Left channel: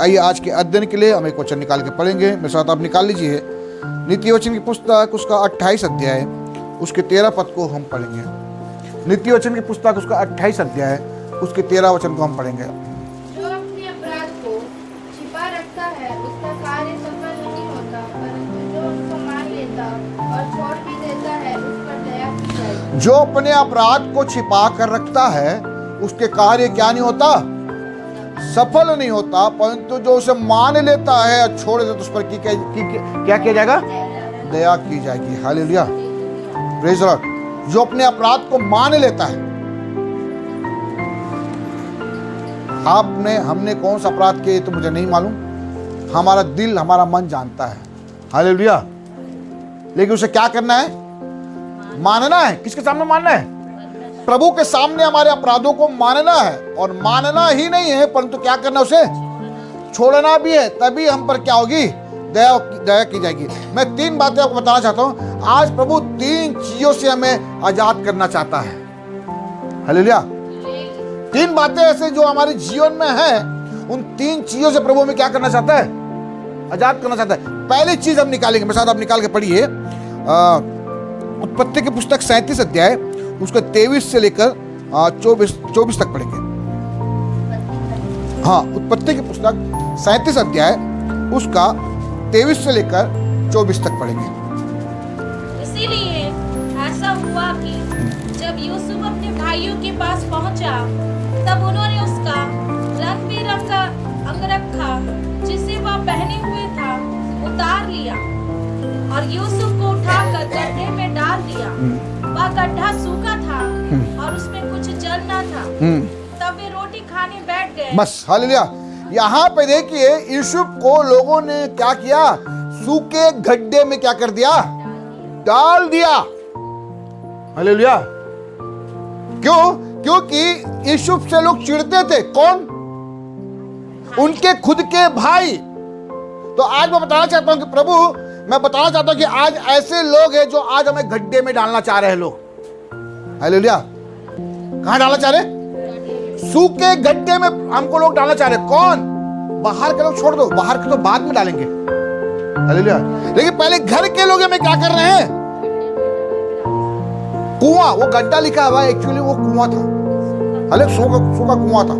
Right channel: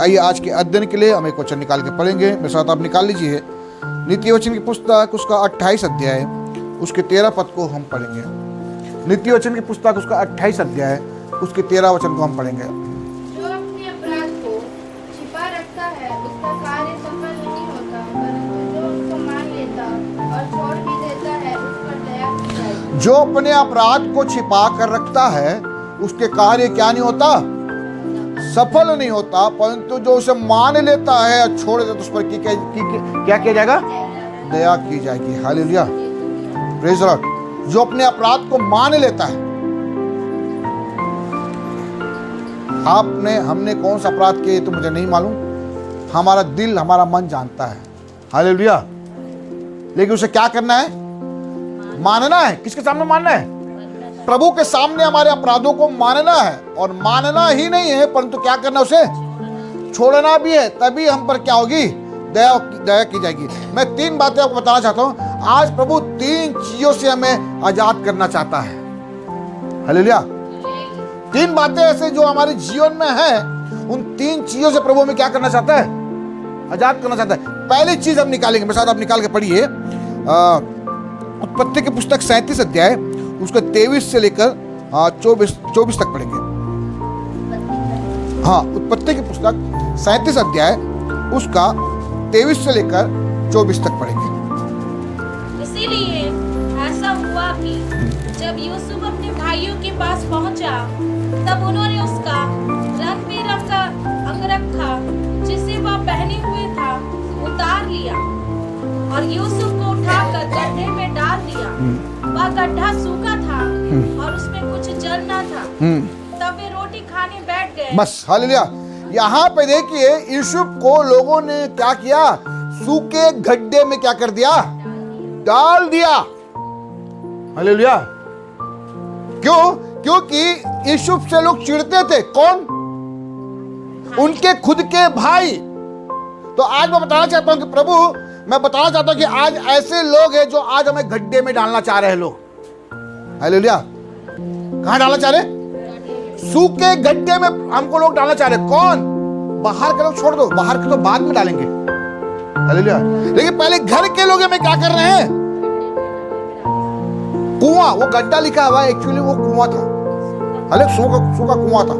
आइए आज के अध्ययन के लिए हम एक वचन निकाल के पढ़ेंगे। मेरे साथ आप निकाल लीजिए नीति वचन की पुस्तक उसका 28 अध्याय उसके 13 पद को हम पढ़ेंगे। नीति वचन की पुस्तक उसका 28 अध्याय उसके 13 वचन को हम पढ़ेंगे। जो अपने अपराध को छिपा रखता है उसका कार्य सफल नहीं होता, परंतु जो उसको मान लेता और छोड़ भी देता है उस पर दया की जाएगी। जो अपने अपराध को छिपा कर रखता है उसके कार्य क्या नहीं होता, सफल नहीं होता, परंतु जो उसे मान लेता है और छोड़ देता है तो उस पर क्या किया जाएगा, दया की जाएगी। Hallelujah, praise the Lord. जो अपने अपराध को मान लेता है, हमने कौन सा अपराध किया तो मुझे नहीं मालूम, हमारा दिल हमारा मन जानता है। हालेलुया। लेकिन उसे क्या करना है, मानना है। किसके सामने मानना है, प्रभु के सामने हमारे अपराधों को मानना है। और मानना ही नहीं है परंतु क्या करना, उसे छोड़ना भी है। तभी हम पर क्या होगी, दया की जाएगी। मैं 3 बातें आपको बताना चाहता हूं। आज प्रभु 3 चीजों से हमें आजाद करना चाहता है। हालेलुया। 3 बातें ऐसे जो हमारे जीवन में है, उन 3 चीजों से प्रभु हमें क्या करना चाहता है, आजाद करना चाहता है। पहली चीज हम निकालेंगे, मेरे साथ आप निकाल के पढ़िए उत्पत्ति की पुस्तक 37 अध्याय उसका 23 से लेकर 24 तक पढ़ेंगे। हाँ, उत्पत्ति की पुस्तक 37 अध्याय उसका 23 से लेकर 24 तक पढ़ेंगे। इसीलिए ऐसा हुआ कि जब यूसुफ अपने भाइयों के पास पहुंचा, तब उन्होंने उसका रंग बिरंगा अंगरखा जिसे वह पहने हुए था उतार लिया और यूसुफ को उठाकर गड्ढे में डाल दिया। वह गड्ढा सूखा था और उसमें कुछ जल न था। तब वे रोटी खाने बैठ गए। बस, हालेलुया। यहाँ पे देखिए यूसुफ को लोगों ने क्या किया, सूखे गड्ढे में क्या कर दिया, डाल दिया। हालेलुया। क्यों? क्योंकि यूसुफ से लोग चिढ़ते थे। कौन? उनके खुद के भाई। तो आज मैं बताना चाहता हूं कि प्रभु, मैं बताना चाहता हूं कि आज ऐसे लोग हैं जो आज हमें गड्ढे में डालना चाह रहे हैं लोग। हालेलुया। कहां डालना चाह रहे? सूखे गड्ढे में हमको लोग डालना चाह रहे। कौन? बाहर के लोग छोड़ दो, बाहर के तो बाद में डालेंगे। हालेलुया। लेकिन पहले घर के लोग हमें क्या कर रहे हैं, कुआं, वो गड्ढा लिखा हुआ है, एक्चुअली वो कुआं था। हाले सूखा कुआं था।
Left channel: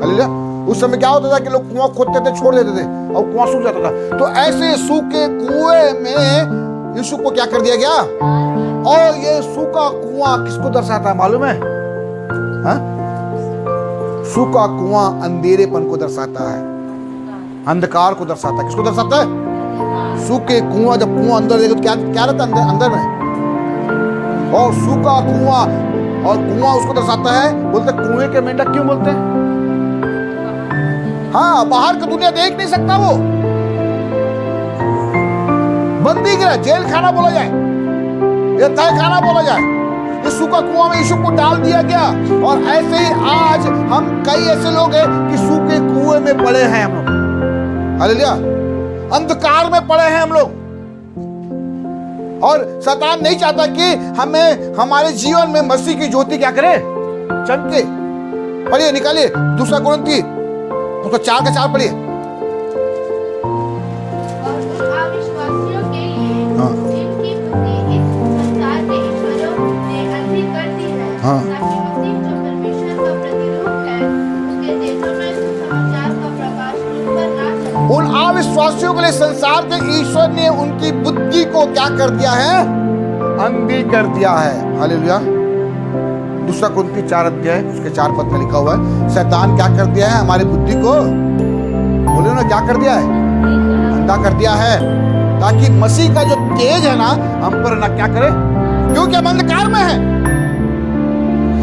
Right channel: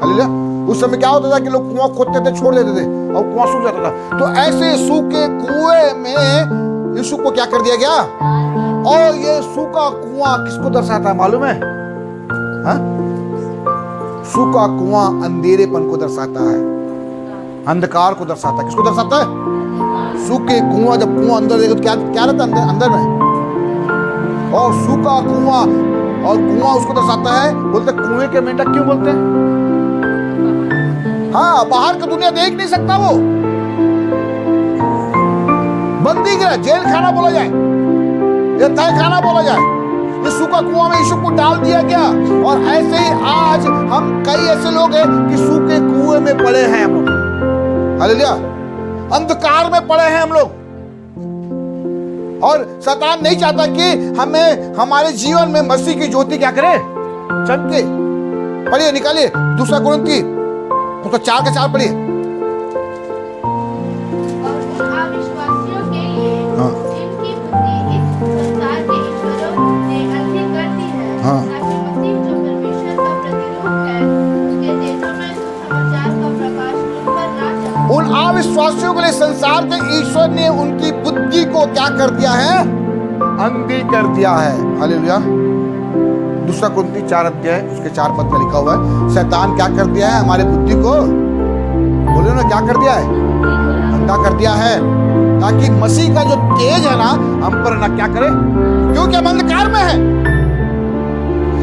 हालेलुया। उस समय क्या होता था कि लोग कुआं खोदते थे, छोड़ देते थे और कुआं सूख जाता था। तो ऐसे सूखे कुएं में यूसुफ को क्या कर दिया गया। और ये सूखा कुआं किसको दर्शाता है मालूम है? हा? सूखा कुआं अंधेरेपन को दर्शाता है, अंधकार को दर्शाता है। किसको दर्शाता है? सूखे कुआं। जब कुआं अंदर देखो तो क्या रहता है अंदर में, और सूखा कुआं, और कुआं उसको दर्शाता है। बोलते कुएं के मेंढक क्यों बोलते हैं? हाँ, बाहर की दुनिया देख नहीं सकता, वो बंदी गिरा, जेल खाना बोला जाए या तय खाना बोला जाए। ये सूखा कुआं में यूसुफ को डाल दिया गया। और ऐसे ही आज हम कई ऐसे लोग हैं कि सूखे कुएं में पड़े हैं हम लोग। हालेलुया। अंधकार में पड़े हैं हम लोग। और शैतान नहीं चाहता कि हमें हमारे जीवन में मसीह की ज्योति क्या करे, चमके। पढ़िए, निकालिए 2 कुरिन्थी उसका 4 का 4 पढ़िए। और उन अविश्वासियों के लिए जिनकी बुद्धि इस संसार के ईश्वरों ने अंधी कर दी है, ताकि मसीह जो परमेश्वर का प्रतिरूप है उसके तेजों में सुसमाचार का प्रकाश उन पर ना चमके। उन अविश्वासियों के लिए संसार के ईश्वर ने उनकी बुद्धि को क्या कर दिया है, अंधी कर दिया है। हालेलुया। 2 कुरिन्थी 4 अध्याय उसके 4 पद में लिखा हुआ है, शैतान क्या कर दिया है, हमारे बुद्धि को, बोलिए ना, क्या कर दिया है, अंधा कर दिया है, ताकि मसीह का जो तेज है ना हम पर ना क्या करे, क्योंकि हम अंधकार में है।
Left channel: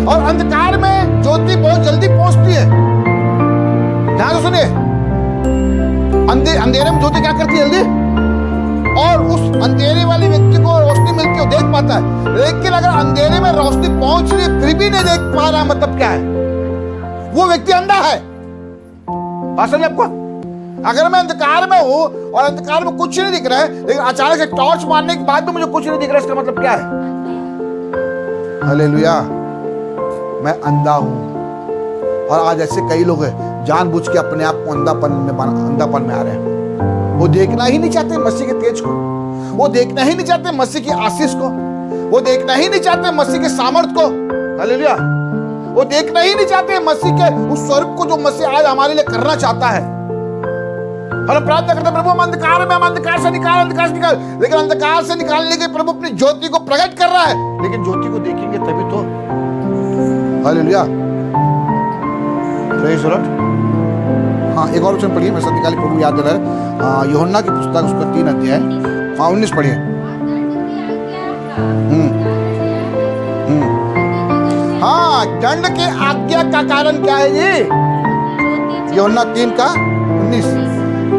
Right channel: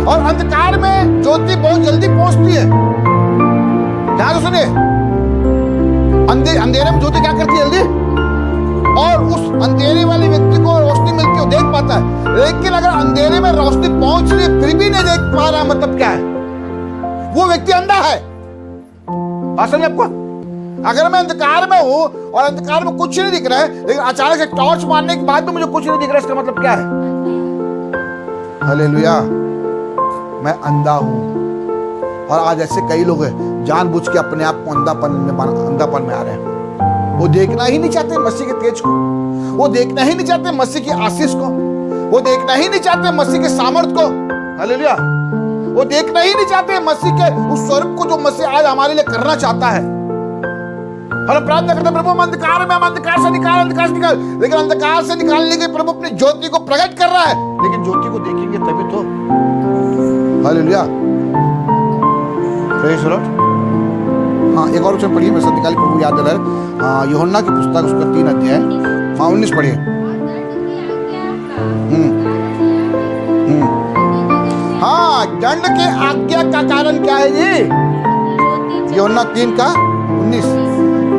और अंधकार में ज्योति बहुत जल्दी पहुंचती है। ध्यान से सुनिए, अंधेरे में ज्योति क्या करती है, जल्दी, और उस अंधेरे वाले व्यक्ति को रोशनी मिलती है, देख पाता है। लेकिन अगर अंधेरे में रोशनी पहुंच रही फिर भी नहीं देख पा रहा, मतलब क्या है, वो व्यक्ति अंधा है। बात समझ आपको? अगर मैं अंधकार में हूं और अंधकार में कुछ नहीं दिख रहा है, लेकिन अचानक से टॉर्च मारने के बाद भी मुझे कुछ नहीं दिख रहा है, इसका मतलब क्या है? हालेलुया। मैं अंधा हूं। और आज ऐसे कई लोग हैं जानबूझ के अपने आप को अंधापन में आ रहे हैं। वो देखना ही नहीं चाहते मसीह के तेज को, वो देखना ही नहीं चाहते मसीह की आशीष को, वो देखना ही नहीं चाहते मसीह के सामर्थ को। हालेलुया। वो देखना ही नहीं चाहते मसीह के उस स्वरूप को जो मसीह आज हमारे लिए करना चाहता है। हम प्रार्थना करते प्रभु हम अंधकार में, हम अंधकार से निकाल, अंधकार से निकाल, लेकिन अंधकार से निकालने के प्रभु अपनी ज्योति को प्रकट कर रहा है, लेकिन ज्योति को देखेंगे तभी तो। Hallelujah, praise the Lord. हाँ, एक और वचन पढ़िए, मैं साथ निकाली, प्रभु याद दिलाए, यूहन्ना की पुस्तक उसका 3 अध्याय, हाँ 19 पढ़िए। हाँ, दंड के आज्ञा का कारण क्या है जी? यूहन्ना 3 का 19।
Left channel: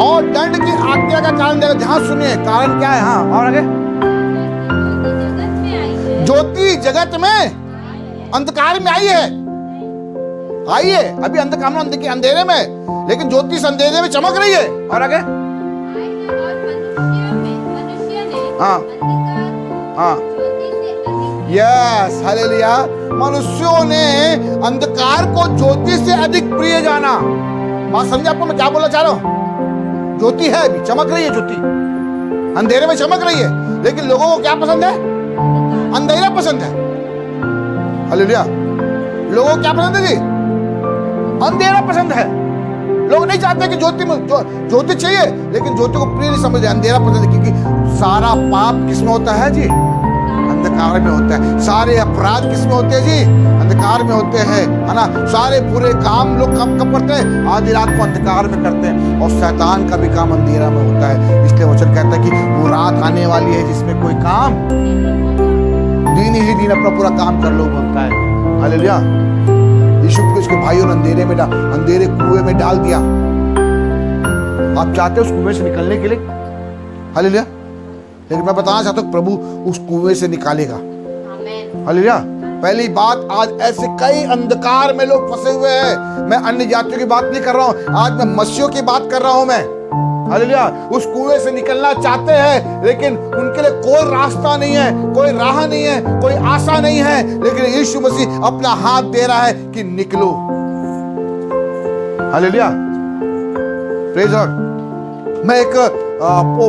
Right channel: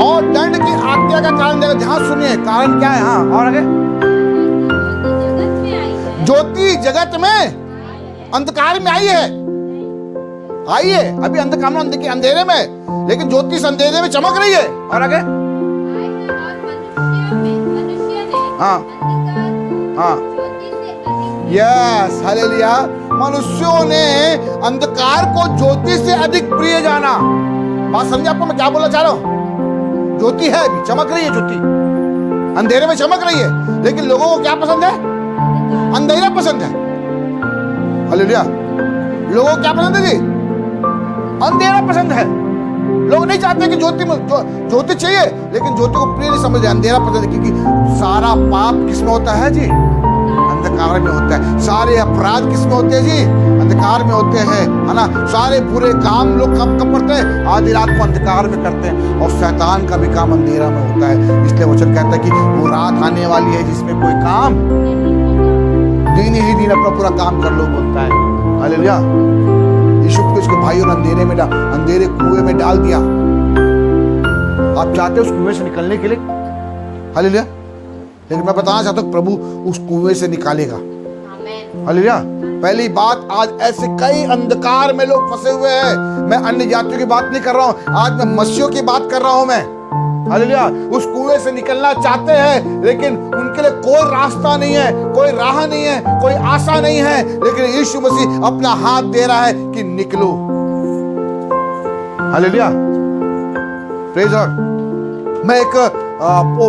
और दंड की आज्ञा का कारण देखो, ध्यान सुनिए, कारण क्या है? हाँ, और आगे, ज्योति जगत में अंधकार में आई है, आई है। अभी अंधकार में, अंधेरे में, लेकिन ज्योति इस अंधेरे में चमक रही है। और आगे, हाँ हाँ, यस, हालेलुया। मनुष्यों ने अंधकार को ज्योति से अधिक प्रिय जाना। बात समझे आपको मैं क्या बोलना चाह रहा हूं? ज्योति है, अभी चमक रही है, ज्योति अंधेरे में चमक रही है, लेकिन लोगों को क्या पसंद है? अंधेरा पसंद है। हालेलुया। लोगों को क्या पसंद है जी? अंधेरा पसंद है। लोग नहीं चाहते कि ज्योति चाहिए, लेकिन ज्योति को प्रिय नहीं समझते, अंधेरा पसंद है। क्योंकि सारा पाप किसमें होता है जी? अंधकार में होता है। सारे अपराध किसमें होते हैं जी? अंधकार में होते हैं, है ना। सारे बुरे काम लोग कब करते हैं? आधी रात को अंधकार में करते हैं। और शैतान का भी काम अंधेरा में होता है। इसलिए वचन कहता है कि वो रात आने वाली है जिसमें कोई काम, दिन ही दिन अपना पूरा काम कर लो, बोलता है। हालेलुया। यीशु को उसके भाइयों ने अंधेरे कुएं में डाल दिया। आप चाहते हो उस कुएं से निकलने के लिए? हालेलुया। लेकिन मैं बताना चाहता हूँ प्रभु उस कुएं से निकालेगा। हालेलुया। पहली बात, आज ऐसे कई अंधकार में लोग फंसे हुए हैं। मैं अन्य जातियों की बात नहीं कर रहा हूँ, आज मैं मसीहों की बात कर रहा हूँ मैं। हालेलुया। उस कुएं से निकलना चाहते हैं, लेकिन उनके लिए कोई रास्ता नहीं है, कोई राह नहीं है, कोई आशा नहीं है। लेकिन यीशु मसीह अपना हाथ दे रहा है कि निकलो। Hallelujah, praise God. मैं एक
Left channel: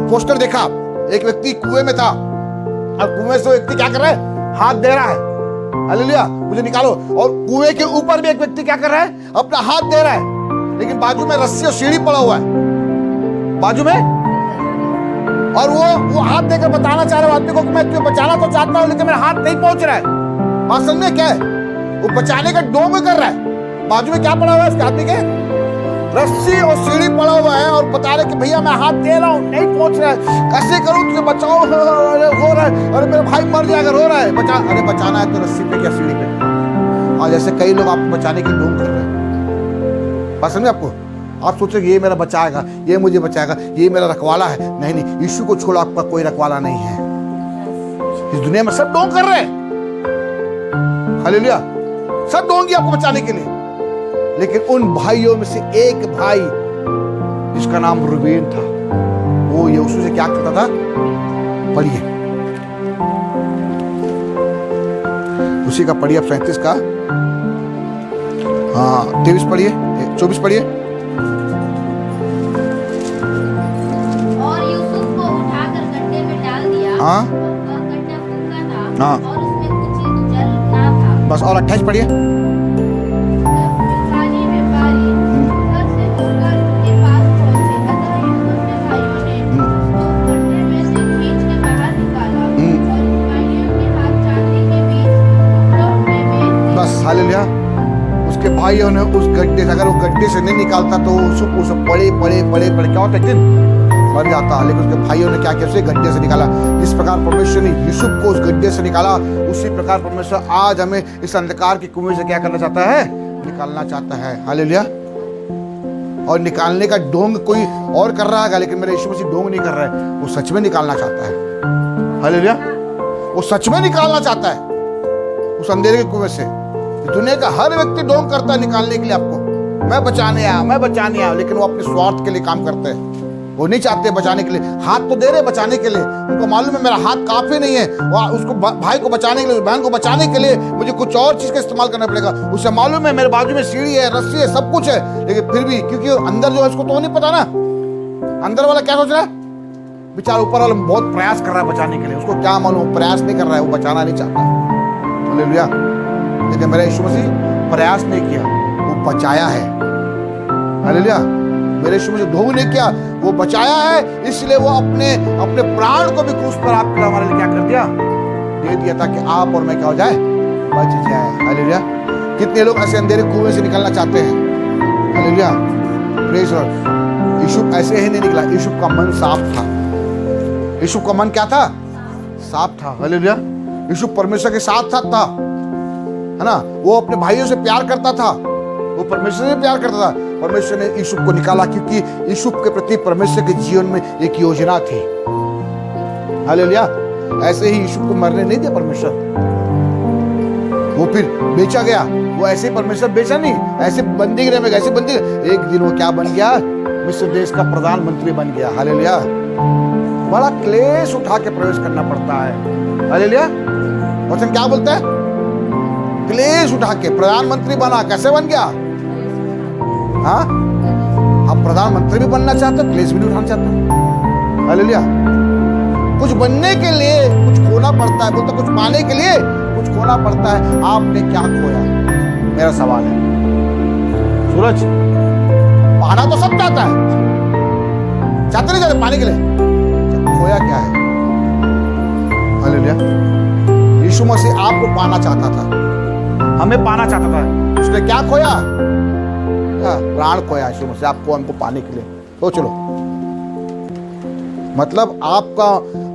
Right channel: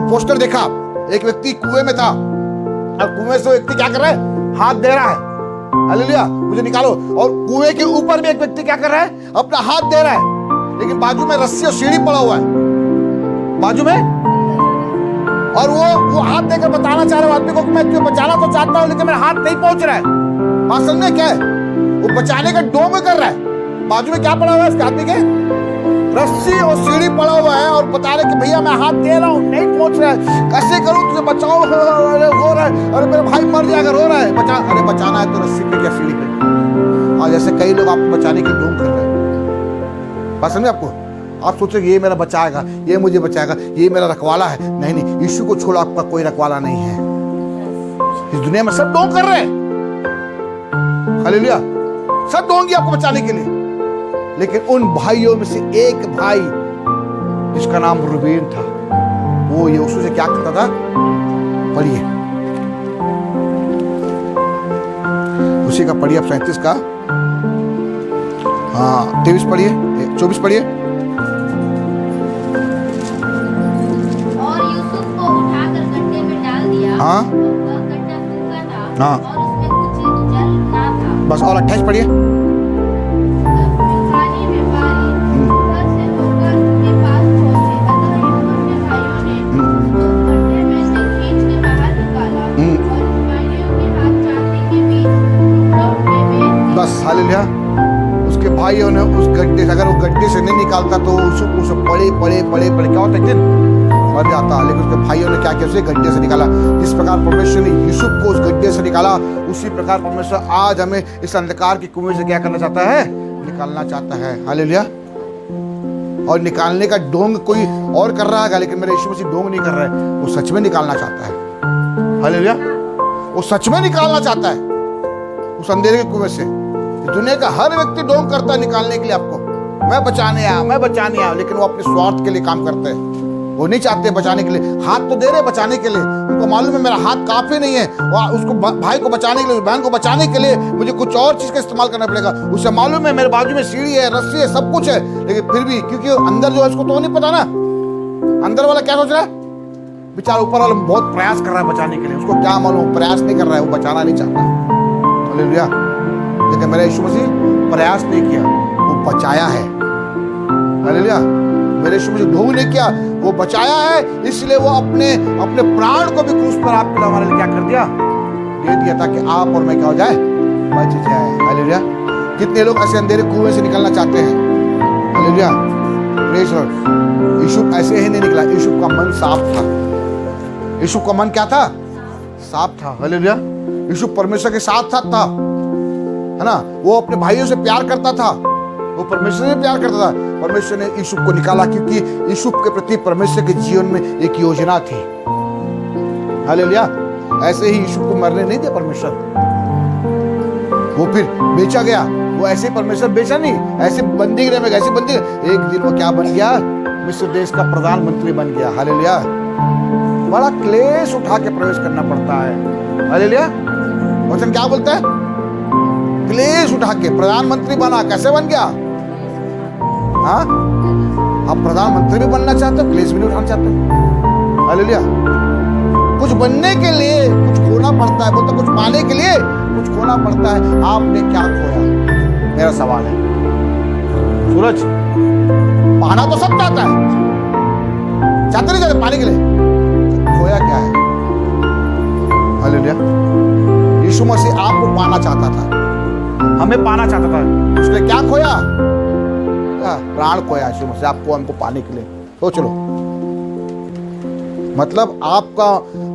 पोस्टर देखा, एक व्यक्ति कुएं में था, और कुएं से व्यक्ति क्या कर रहा है? हाथ दे रहा है। हालेलुया, मुझे निकालो। और कुएं के ऊपर भी एक व्यक्ति क्या कर रहा है? अपना हाथ दे रहा है, लेकिन बाजू में रस्सी और सीढ़ी पड़ा हुआ है, बाजू में। और वो हाथ देकर बताना चाह रहा है आदमी को कि मैं तुझे बचाना तो चाहता हूं, लेकिन मेरा हाथ नहीं पहुंच रहा है। बात समझ में क्या है? वो बचाने का डोंग कर रहा है। बाजू में क्या पड़ा हुआ है उसके आदमी के? रस्सी और सीढ़ी पड़ा हुआ है, और बता रहे कि भैया मैं हाथ दे रहा हूँ, नहीं पहुंच रहा है, कैसे करूं, तुझे बचाओ। अरे रो रहा है, अरे मेरा भाई मर जाएगा, रो रहा है, बचा। अरे बचाना है तो रस्सी पे क्या सीढ़ी पे? आज ऐसे कई लोग आपको बचाने के लिए डोंग कर रहे हैं। बात समझे आपको? आप सोचोगे ये मेरा बचाएगा, ये मुझे बचाएगा, ये मेरा रखवाला है। नहीं नहीं, यीशु को छोड़ आपका कोई रखवाला नहीं है। इस दुनिया में सब डोंग कर रहे हैं। हालेलुया, सब डोंगी आपको बचाने के लिए। लेकिन उन भाइयों में से एक भाई जिसका नाम रूबेन था, वो यीशु से क्या करता था? पढ़िए, उसी का पढ़िए, 37 का, हाँ 23 पढ़िए, 24 पढ़िए। और यूसुफ को उठाकर गड्ढे में डाल दिया। हाँ, वह गड्ढा सूखा था, हाँ, और उसमें कुछ जल ना था। बस। और 28 पढ़िए। तब मिकानी व्यापारी उधर से होकर के पास पहुंचे। अतः यूसुफ के भाइयों ने उसको गड्ढे में से खींच के बाहर निकाला, और इस्माइलियों के हाथ चांदी के बीच टुकड़ों में बेच दिए। बस, हालेलुया। उसके भाइयों ने उस गड्ढे से, अगर वो गड्ढे से नहीं निकालता तो उसे पड़े क्या होता, एक दिन मर जाता। लेकिन उसके भाइयों ने क्या किया? उसे गड्ढे से निकाला। जिस प्रकार परमेश्वर ने यूसुफ को उस गड्ढे से निकाला, उसी प्रकार परमेश्वर आज हमें इस अंधकार के कुएं से क्या करना चाहता है? निकालना चाहता है। हालेलुया। और निकालने का डोंग कोई और कर रहा है, लेकिन मेरा यीशु मसीह डोंग नहीं कर रहा है, वो सच में निकालना चाहता है। हालेलुया, वो सच में निकालना चाहता है उस अंधेरे के कुएं से। दुनिया का हर व्यक्ति डोंग करता है निकालने के लिए आपको, मैं बचाने आया, लेकिन वो अपने स्वार्थ के लिए काम करते हैं। वो नहीं चाहते बचाने के लिए, हाथ तो दे रहे बचाने के लिए, उनको मालूम है मेरा हाथ काफी नहीं है, और उसको भाई को बचाने के लिए, बहन को बचाने के लिए मुझे कुछ और चीज का इस्तेमाल करना पड़ेगा। उसे मालूम है मेरे बाजू में सीढ़ी है, रस्सी है, सब कुछ है, लेकिन फिर भी क्योंकि अंदर जो है उसको तो नहीं पता ना, अंदर वाला क्या सोच रहा है, बेचारा ऊपर वाला बहुत प्रयास कर रहा है बचाने के लिए, उसको क्या मालूम प्रयास नहीं कर रहा है, वो बचाना नहीं चाहता। हालेलुया। लेकिन मेरा यीशु मसीह प्रयास नहीं किया, वो बचाया है। हालेलुया। मेरे यीशु मसीह ढोंग नहीं किया, वो बचाया है, इसलिए वो अपने प्राण को भी क्रूस पर आपके लिए हमारे लिए क्या कर दिया, दे दिया, ताकि आप और मैं क्या हो जाए, बच जाए। हालेलुया। कितने लोग ऐसे अंधेरे कुएं से निकलना चाहते हैं। हालेलुया। Praise Lord. यीशु ऐसे ही नहीं निकला, यीशु का मन साफ था। यीशु का मन क्या था, साफ था। हालेलुया। यीशु परमेश्वर के साथ था, है ना। वो अपने भाइयों से प्यार करता था, वो परमेश्वर से प्यार करता था। परमेश्वर ने यीशु को निकाला क्योंकि यीशु के प्रति परमेश्वर के जीवन में एक योजना थी। हालेलुया। ऐसे ही यीशु को मरने नहीं दिया परमेश्वर, वो फिर बेचा गया। वो ऐसे परमेश्वर बेचा नहीं, ऐसे बंदीगृह में, ऐसे बंदी, एक दिन वो क्या बन गया, मिस्र देश का प्रधानमंत्री बन गया। हालेलुया। बड़ा क्लेश उठा के प्रवेश करना पड़ता है। हालेलुया। वचन क्या बोलता है, क्लेश उठा के प्रधानमंत्री बना। कैसे बन गया, हाँ, आप प्रधानमंत्री भी बनना चाहते हो, क्लेश भी नहीं उठाना चाहते हो। हालेलुया। कुछ बनने के लिए कुछ खोना पड़ता है, बोलता कुछ पाने के लिए कुछ खोना पड़ता है। आपने क्या खोया, मेरा सवाल है। सूरज पाना तो सब चाहता है, चाहते नहीं चाहते पाने के लिए, खोया क्या है। हालेलुया। यीशु मसीह आपको पाना चाहता था, हमें पाना चाहता था, उसने क्या खोया, प्राण खोया। यीशु मसीह आपको हमको पाने के लिए। तो चलो, मतलब आपका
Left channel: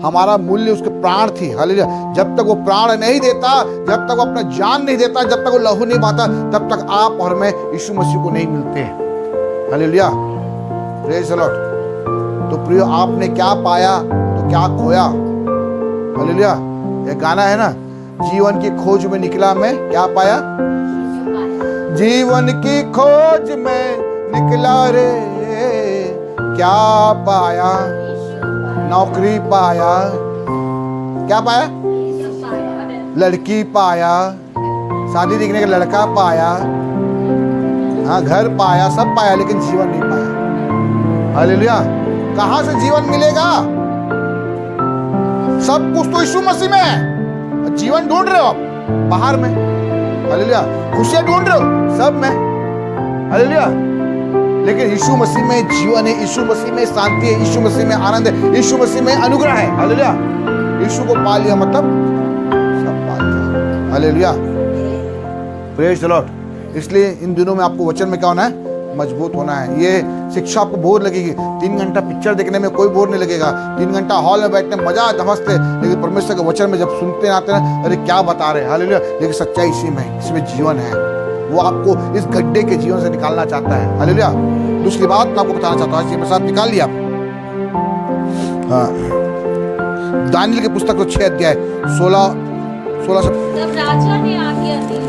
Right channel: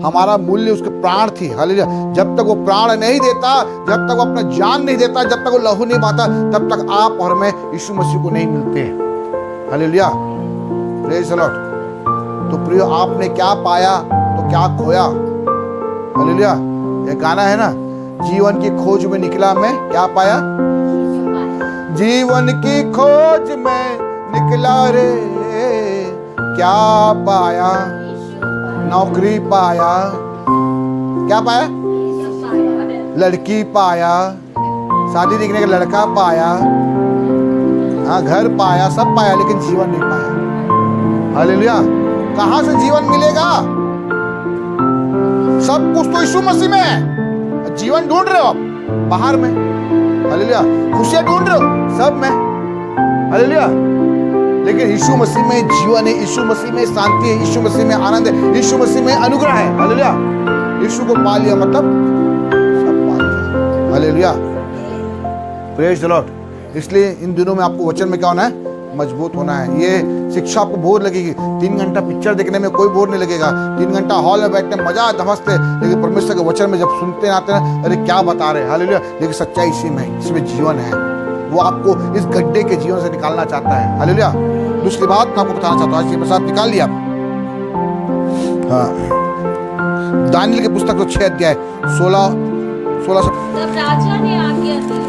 हमारा मूल्य उसके प्राण थी। हालेलुया। जब तक वो प्राण नहीं देता, जब तक वो अपना जान नहीं देता, जब तक वो लहू नहीं बहाता, तब तक आप और मैं यीशु मसीह को नहीं मिलते हैं। हालेलुया। Praise the Lord. तो प्रियो, आपने क्या पाया तो क्या खोया। हालेलुया। ये गाना है ना, जीवन की खोज में निकला मैं, क्या पाया, जीवन की खोज में निकला रे, क्या पाया, नौकरी पाया, क्या पाया, लड़की पाया, शादी देखने का लड़का पाया, हाँ, घर पाया, सब पाया, लेकिन जीवन नहीं पाया। हालेलुया। कहां से जीवन मिलेगा, सब कुछ तो यीशु मसीह में है। जीवन ढूंढ रहे हो आप बाहर में, हालेलुया, खुशियां ढूंढ रहे हो सब में, हालेलुया, लेकिन यीशु मसीह में जीवन है, यीशु मसीह में शांति है, यीशु मसीह में आनंद है, यीशु मसीह में अनुग्रह है। हालेलुया। यीशु को पा लिया मतलब सब पा लिया। हालेलुया। Praise the Lord. इसलिए इन दिनों में आपको वचन में क्या होना है, मजबूत होना है। ये शिक्षा आपको बोर लगेगी, 3 घंटा पिक्चर देखने में कोई बोर नहीं लगेगा, 3 घंटा हॉल में बैठने में मजा धमसते, लेकिन परमेश्वर के वचन में जब सुनते आते हैं, अरे क्या बता रहे हैं। हालेलुया। लेकिन सच्चाई इसी में है, इसमें जीवन है। वो आपको इस गड्ढे के जीवन से निकालना चाहता है। हालेलुया। दूसरी बात मैं आपको बताना चाहता हूँ, आज ये मेरे साथ निकाल लिया आप, हाँ, दानिएल की पुस्तक को 6 अध्याय 16 से। तब राजा ने आज्ञा दी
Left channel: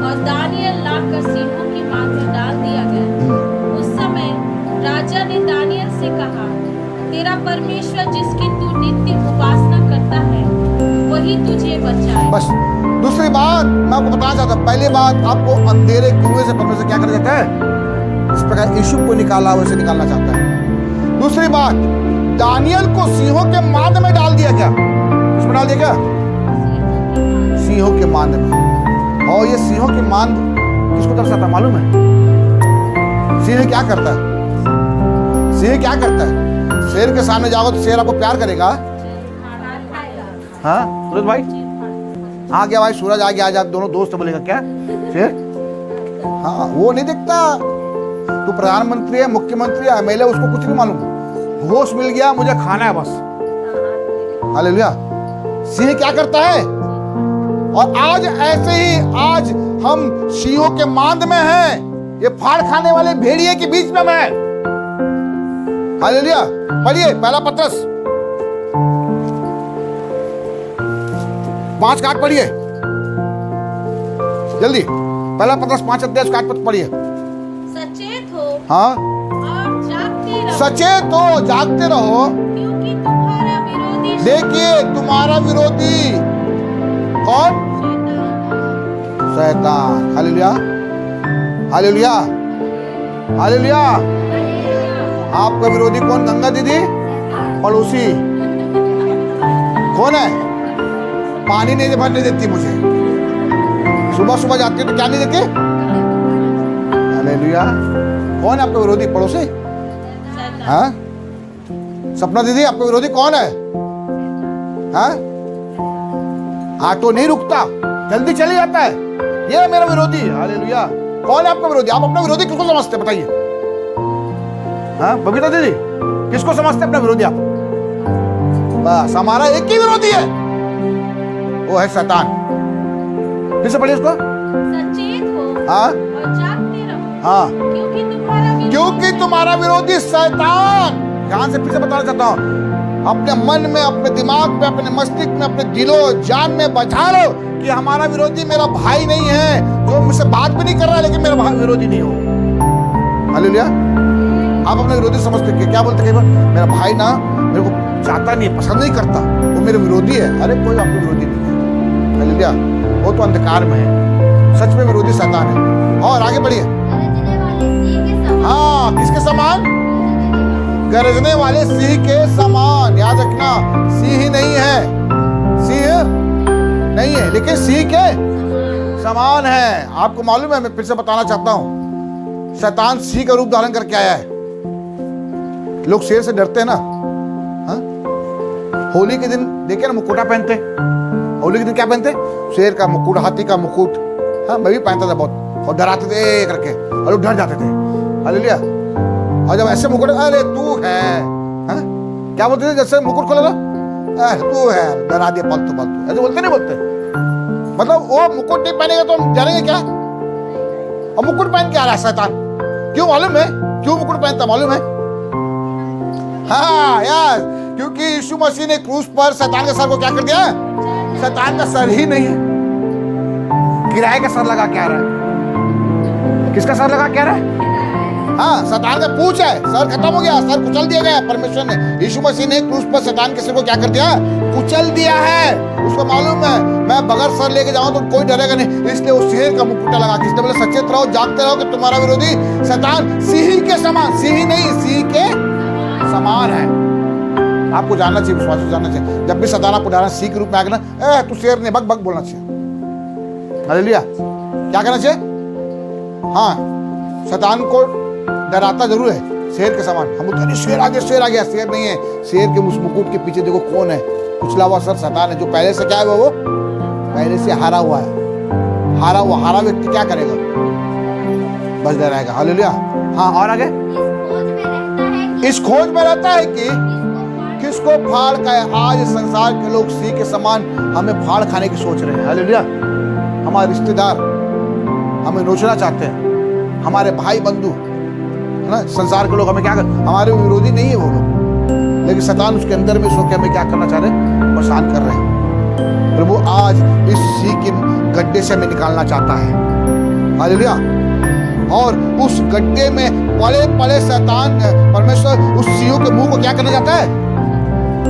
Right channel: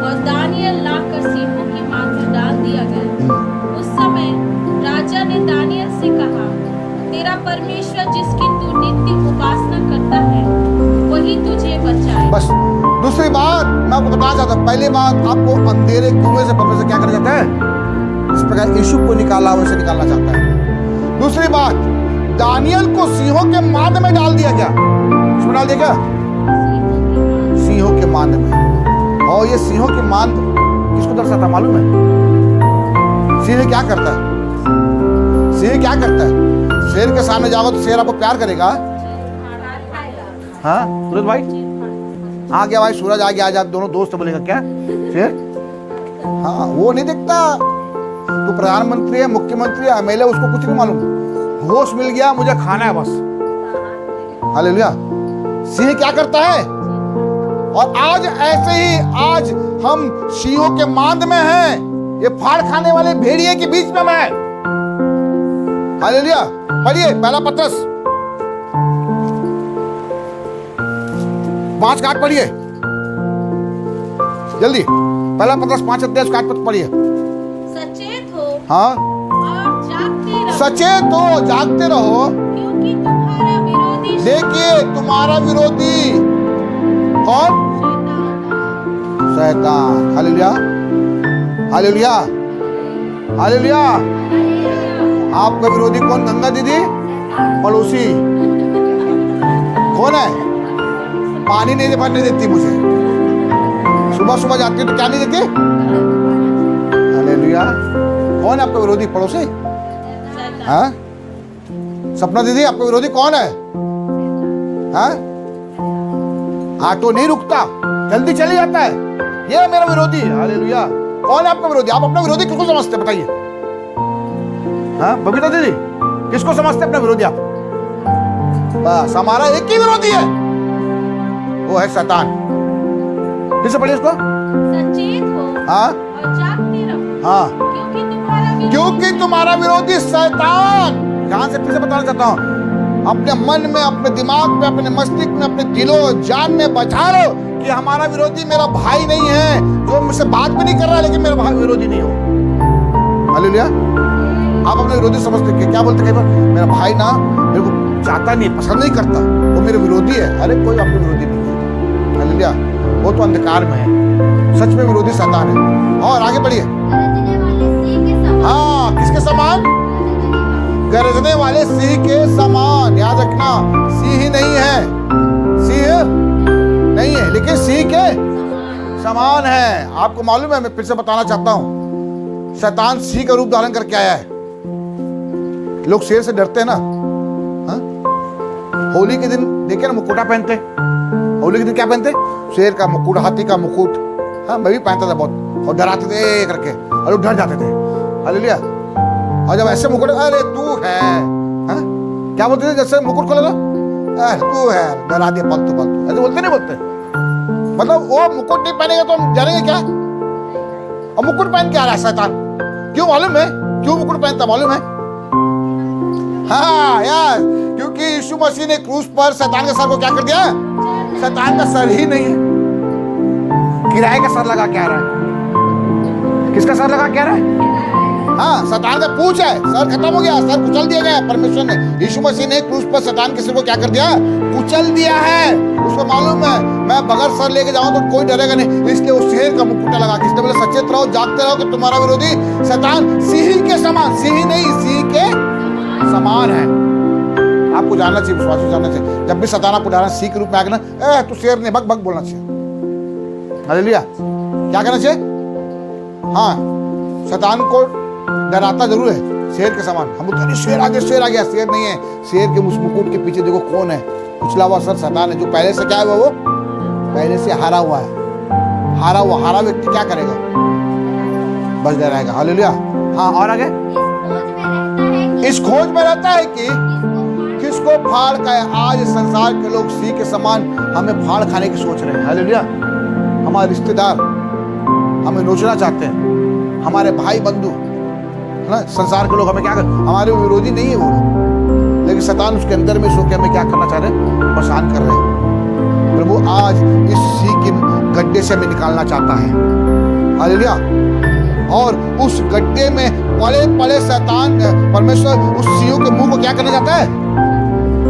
और दानियल लाकर सिंहों की मांद में डाल दिया गया। उस समय राजा ने दानियल से कहा, तेरा परमेश्वर जिसकी तू नित्य उपासना करता है, वही तुझे बचाए। बस दूसरी बात मैं आपको बताना चाहता हूँ। पहली बात, आपको अंधेरे कुएं से परमेश्वर क्या करना चाहता है, इस प्रकार यीशु को निकाला वैसे निकालना चाहता है। दूसरी बात, दानियल को सिंहों के मांद में डाल दिया। क्या इसमें डाल दिया, क्या सिंहों के मांद में। और ये सिंहों के मांद किसको दर्शाता मालूम है, सिंह क्या करता है, सिंह क्या करता है, शेर के सामने जाओ तो शेर आपको प्यार करेगा, हाँ सूरज भाई आ गया, भाई सूरज आ गया, आज आप दोनों दोस्त बोलेगा क्या शेर, हाँ वो नहीं दिखता। तू प्रधानमंत्री है, मुख्यमंत्री है, एमएलए, उसको कुछ नहीं मालूम, होश मिल गया, मुझे खाना है बस। हालेलुया। सिंह क्या करता है, और आज ऐसे ही आज हम सिंहों के मांद में हैं, ये फाड़ खाने वाले भेड़िए के बीच में मैं। हालेलुया। पढ़िए पहला पत्रस 5 का 8 पढ़िए जल्दी, पहला पत्रस 5 अध्याय 8 पद पढ़िए। सचेत हो हाँ, और जागते रहो। सचेत हो, जागते रहो, क्योंकि तुम्हारा विरोधी देखिए तुम्हारा विरोधी कौन? शैतान। Hallelujah, hallelujah, hallelujah. आपका विरोधी कौन? गंगा दीदी, पड़ोसी कौन है? पानी नहीं भरने देती मुझे, सुबह सुबह जाती है तो क्या नहीं देती? हालेलुया। कौन है आपका विरोधी? पड़ोसी? हाँ? सपना दीदी, आपका विरोधी कौन है? हाँ? ऑटो नहीं रुकता, जल्दी चले जाता है, ये है मेरा विरोधी। हालेलुया। कौन है आपका विरोधी? आप अपना विरोधी किसको समझते हैं बताइए? हाँ बबीता दीदी, किसको समझते हैं अपना विरोधी आप? बस हमारा एक ही विरोधी है, वो है शैतान। फिर से पढ़िए इसको। सचेत हो हाँ और जागते रहो, हाँ, क्योंकि तुम्हारा विरोधी शैतान। ध्यान से फिर से बताना चाहता हूं, अपने मन में, अपने दिमाग में, अपने मस्तिष्क में, अपने दिलो जान में बचा लो कि हमारा विरोधी मेरा भाई नहीं है, जो मुझसे बात भी नहीं कर रहा है लेकिन मेरा भाई विरोधी नहीं हो। हालेलुया। आप अपने विरोधी समझते हैं, क्या बोलते कई बार, मेरा भाई ना मेरे को चाहता नहीं है, पसंद नहीं करता, वो मेरे विरोधी है। अरे कोई आपके विरोधी नहीं है। हालेलुया। वो तो अंधकार में है, सच में विरोधी शैतान है। और आगे बढ़िए। हाँ, किसके समान? गरजने वाले सिंह के समान। याद रखना, सिंह ही नहीं है, सिंह नहीं है लेकिन सिंह के समान है। आपको मालूम है, मैं फिर से बताना चाहता हूं, शैतान सिंह का रूप धारण करके आया है। लोग शेर से डरते हैं ना। हाँ? होली के दिन देखिए ना, मुकुटा पहनते। होली के दिन क्या पहनते? शेर का मुकुट, हाथी का मुकुट। हाँ, मैं भी पहनता था बहुत, और डराते थे करके, और लोग डर जाते थे। हालेलुया। और जब ऐसे मुकुट, अरे तू है, हाँ? क्या बोलते थे जैसे मुकुट खोला था? तू है, डरा दिया फालतू फालतू, ऐसे बोलते नहीं बोलते? मतलब वो मुकुट नहीं पहनेगा तो हम डरेंगे क्या? और मुकुट पहन के आ रहा है शैतान, क्यों मालूम है? क्यों मुकुट पहनता मालूम है? हाँ यार, क्योंकि यीशु मसीह ने क्रूस पर शैतान के सर को क्या कर दिया? शैतान का सर ही नहीं है, किराए का सर लगा के आ रहा है। किसका सर लगा के आ रहा है? हाँ, शैतान का पूंछ है, सर खत्म हो गया, सर कुचल दिया गया परमेश्वर ने। यीशु मसीह ने क्रूस पर शैतान के सिर को क्या कर दिया? कुचल दिया है। उसको मालूम है मैं बगैर सर लेके जाऊं तो कोई डरेगा नहीं, इसलिए वो शेर का मुकुटा लगा के, इसलिए बोले सचेत रहो, जागते रहो कि तुम्हारा विरोधी शैतान सिंह के समान, सिंह नहीं सिंह के समान है। आपको जानना चाहिए, विश्वास जानना चाहिए, जब भी शैतान आपको डरा सिंह के रूप में आगे ना, तू शेर नहीं, बक बक बोलना चाहिए। हालेलुया। क्या करना चाहिए? हाँ, शैतान को डराता जरूर है, शेर के समान। हम बोलते शेर आ गया, शेर आ गया, शेर नहीं है। शेर के मुकुट के पीछे देखो कौन है? कुचला हुआ सर शैतान है, जो पहले से क्या है, वो पहले से हारा हुआ है। हारा व्यक्ति क्या करेगा? बस डराएगा। हालेलुया। हाँ, और आगे। इस खोज में रहता है कि किसको फाड़ खाए। आज संसार के लोग सिंह के समान हमें फाड़ खाने की सोच रहे हैं। हालेलुया। हमारे रिश्तेदार हमें नोचना चाहते हैं, हमारे भाई बंधु है ना, संसार के लोग हमें क्या कर, हमारे विरोधी नहीं है वो लोग, लेकिन शैतान उसके अंदर में सो के हमें क्या करना चाह रहे हैं? परेशान कर रहे हैं। प्रभु आज इस सिंह के गड्ढे से हमें निकालना चाहता है। हालेलुया। और उस गड्ढे में पड़े पड़े शैतान परमेश्वर उस सिंह के मुंह को क्या करना चाहता है?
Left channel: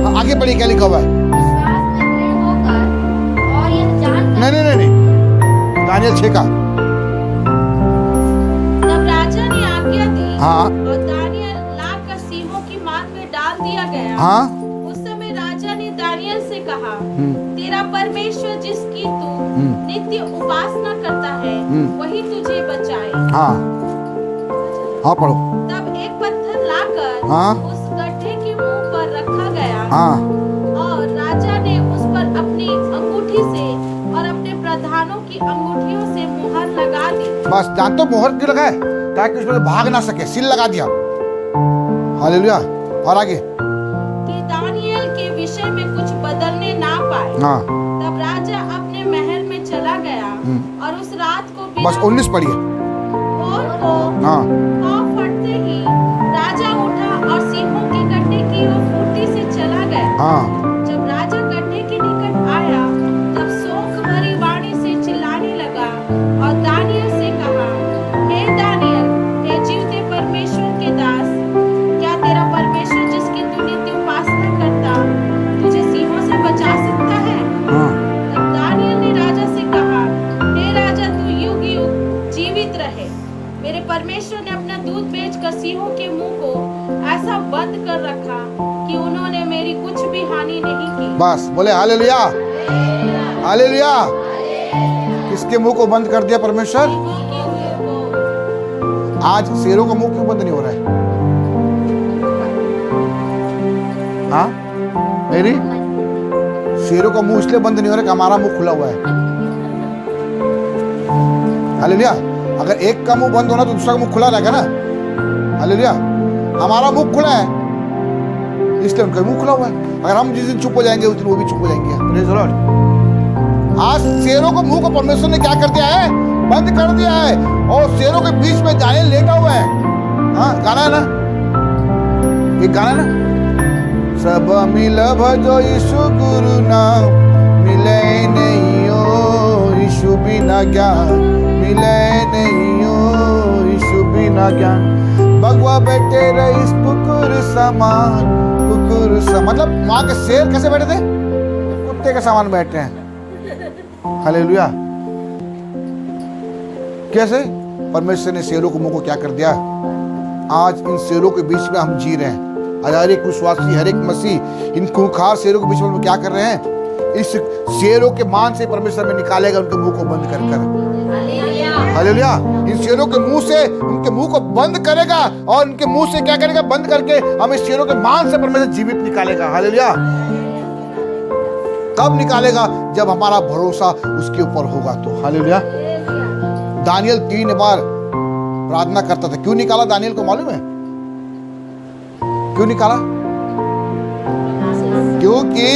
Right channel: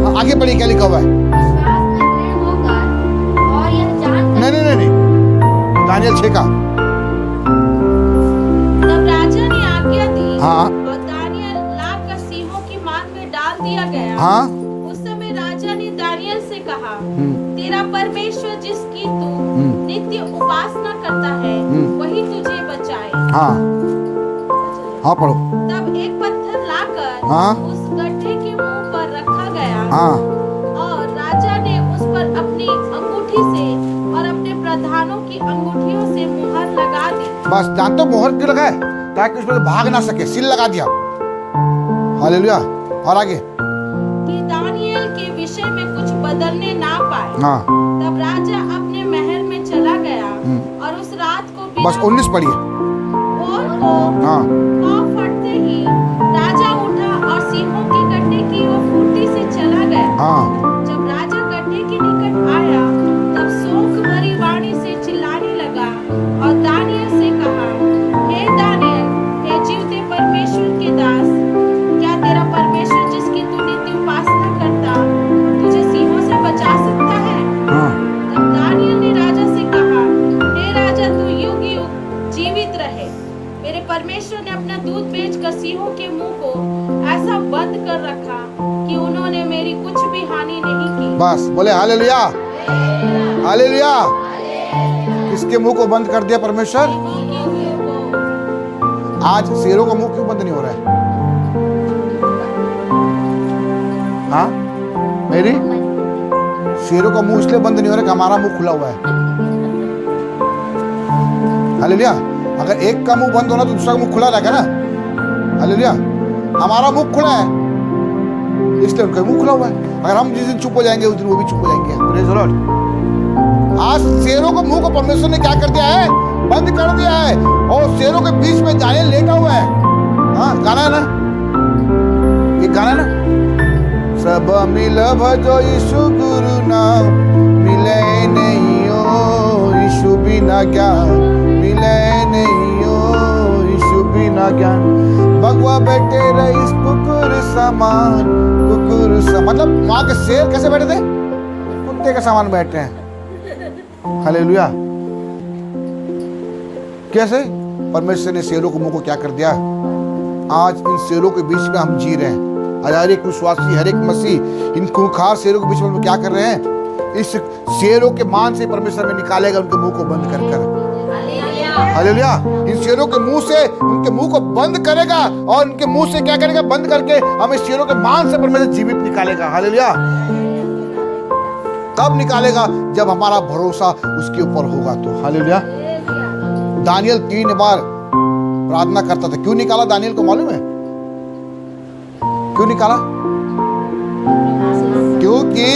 हाँ, आगे पढ़िए क्या लिखा हुआ है? विश्वास में दृढ़ होकर और यह जानकर नहीं, दानियल 6 का। तब राजा ने आज्ञा दी, हाँ। और दानियल लाकर सिंहों की मांग में डाल दिया गया। हाँ। उस समय राजा ने दानियल से कहा, तेरा परमेश्वर जिसकी तू नित्य उपासना करता है, वही तुझे बचाए। हाँ, हाँ पढ़ो। तब एक पत्थर लाकर हाँ। उस गड्ढे के मुंह पर रखा गया, हाँ। और राजा ने उस पर अपनी अंगूठी से और अपने प्रधानों की अंगूठियों से मुहर लगा दी। बस जानते हो मोहर क्यों लगाए? ताकि उसमें भाग ना सके, सील लगा दिया। हालेलुया। और आगे कि दानियल के विषय में कुछ बदलने ना पाए। हाँ। तब राजा अपने महल में चला गया, और उस रात को बिना बस 19 पढ़िए। भोर को हाँ। पाँव फटते ही राजा उठा और सिंहों के गड्ढे की ओर फुर्ती से चला गया। हाँ। जब राजा गड्ढे के निकट आया, तब शोक भरी वाणी से चिल्लाने लगा और दानियल से कहा, हे दानियल, हे जीवते परमेश्वर के दास, क्या तेरा मेरे परमेश्वर ने अपना दूध बेचकर सिंहों के मुंह को ऐसा बंद कर रखा कि उन्होंने मेरी कुछ भी हानि नहीं की। बस बोले हालेलुया, हालेलुया। किसके मुंह को बंद कर दिया परमेश्वर? सिंहों के मुंह को। आज शेरों का मुंह क्यों बंद नहीं हो रहा है? हाँ, मेरी शेरों का मुंह इसलिए बंद नहीं हो रहा कि हमारा मुंह खुला हुआ है। हालेलुया। अगर एक का मुंह बंद होना तो दूसरा का मुंह खुला रहेगा ना। हालेलुया। हमारा मुंह खुला है इसलिए उनका मुंह खुला हुआ है। अगर हम जिस दिन चुप हो जाएंगे उस दिन वो भी चुप हो जाएंगे। Praise the Lord. आज शेरों के मुंह को परमेश्वर ने क्या कर दिया है? बंद कर दिया है। और शेरों के बीच में दानियल लेटा हुआ है। हाँ, गाना है ना, एक गाना है ना, सब मिल भजो यीशु गुरु नाम, मिले नहीं हो यीशु बिना ज्ञान, मिले नहीं हो यीशु बिना ज्ञान, भगवा बैठे रईस कुकुर समान, कुकुर समान। मतलब वहां के शेर कैसे बैठे थे? कुत्ते के समान बैठे हैं। हालेलुया। कैसे? परमेश्वर ने शेरों के मुंह को क्या कर दिया? आज इन शेरों के बीच में हम जी रहे हैं। आज हर एक विश्वासी, हर एक मसीह इन खूंखार शेरों के बीच में क्या कर रहे हैं? इस शेरों के मान से परमेश्वर में निकालेगा उनके मुंह को बंद कर कर। हालेलुया। इन शेरों के मुंह से उनके मुंह को बंद करेगा और उनके मुंह से क्या करेगा? बंद करके हमें शेरों के मान से परमेश्वर जीवित निकालेगा। हालेलुया। कब निकालेगा? जब हमारा भरोसा उसके ऊपर होगा तो। हालेलुया। दानियल 3 बार प्रार्थना करता था। क्यों निकाला दानियल को मालूम है? क्यों निकाला? क्योंकि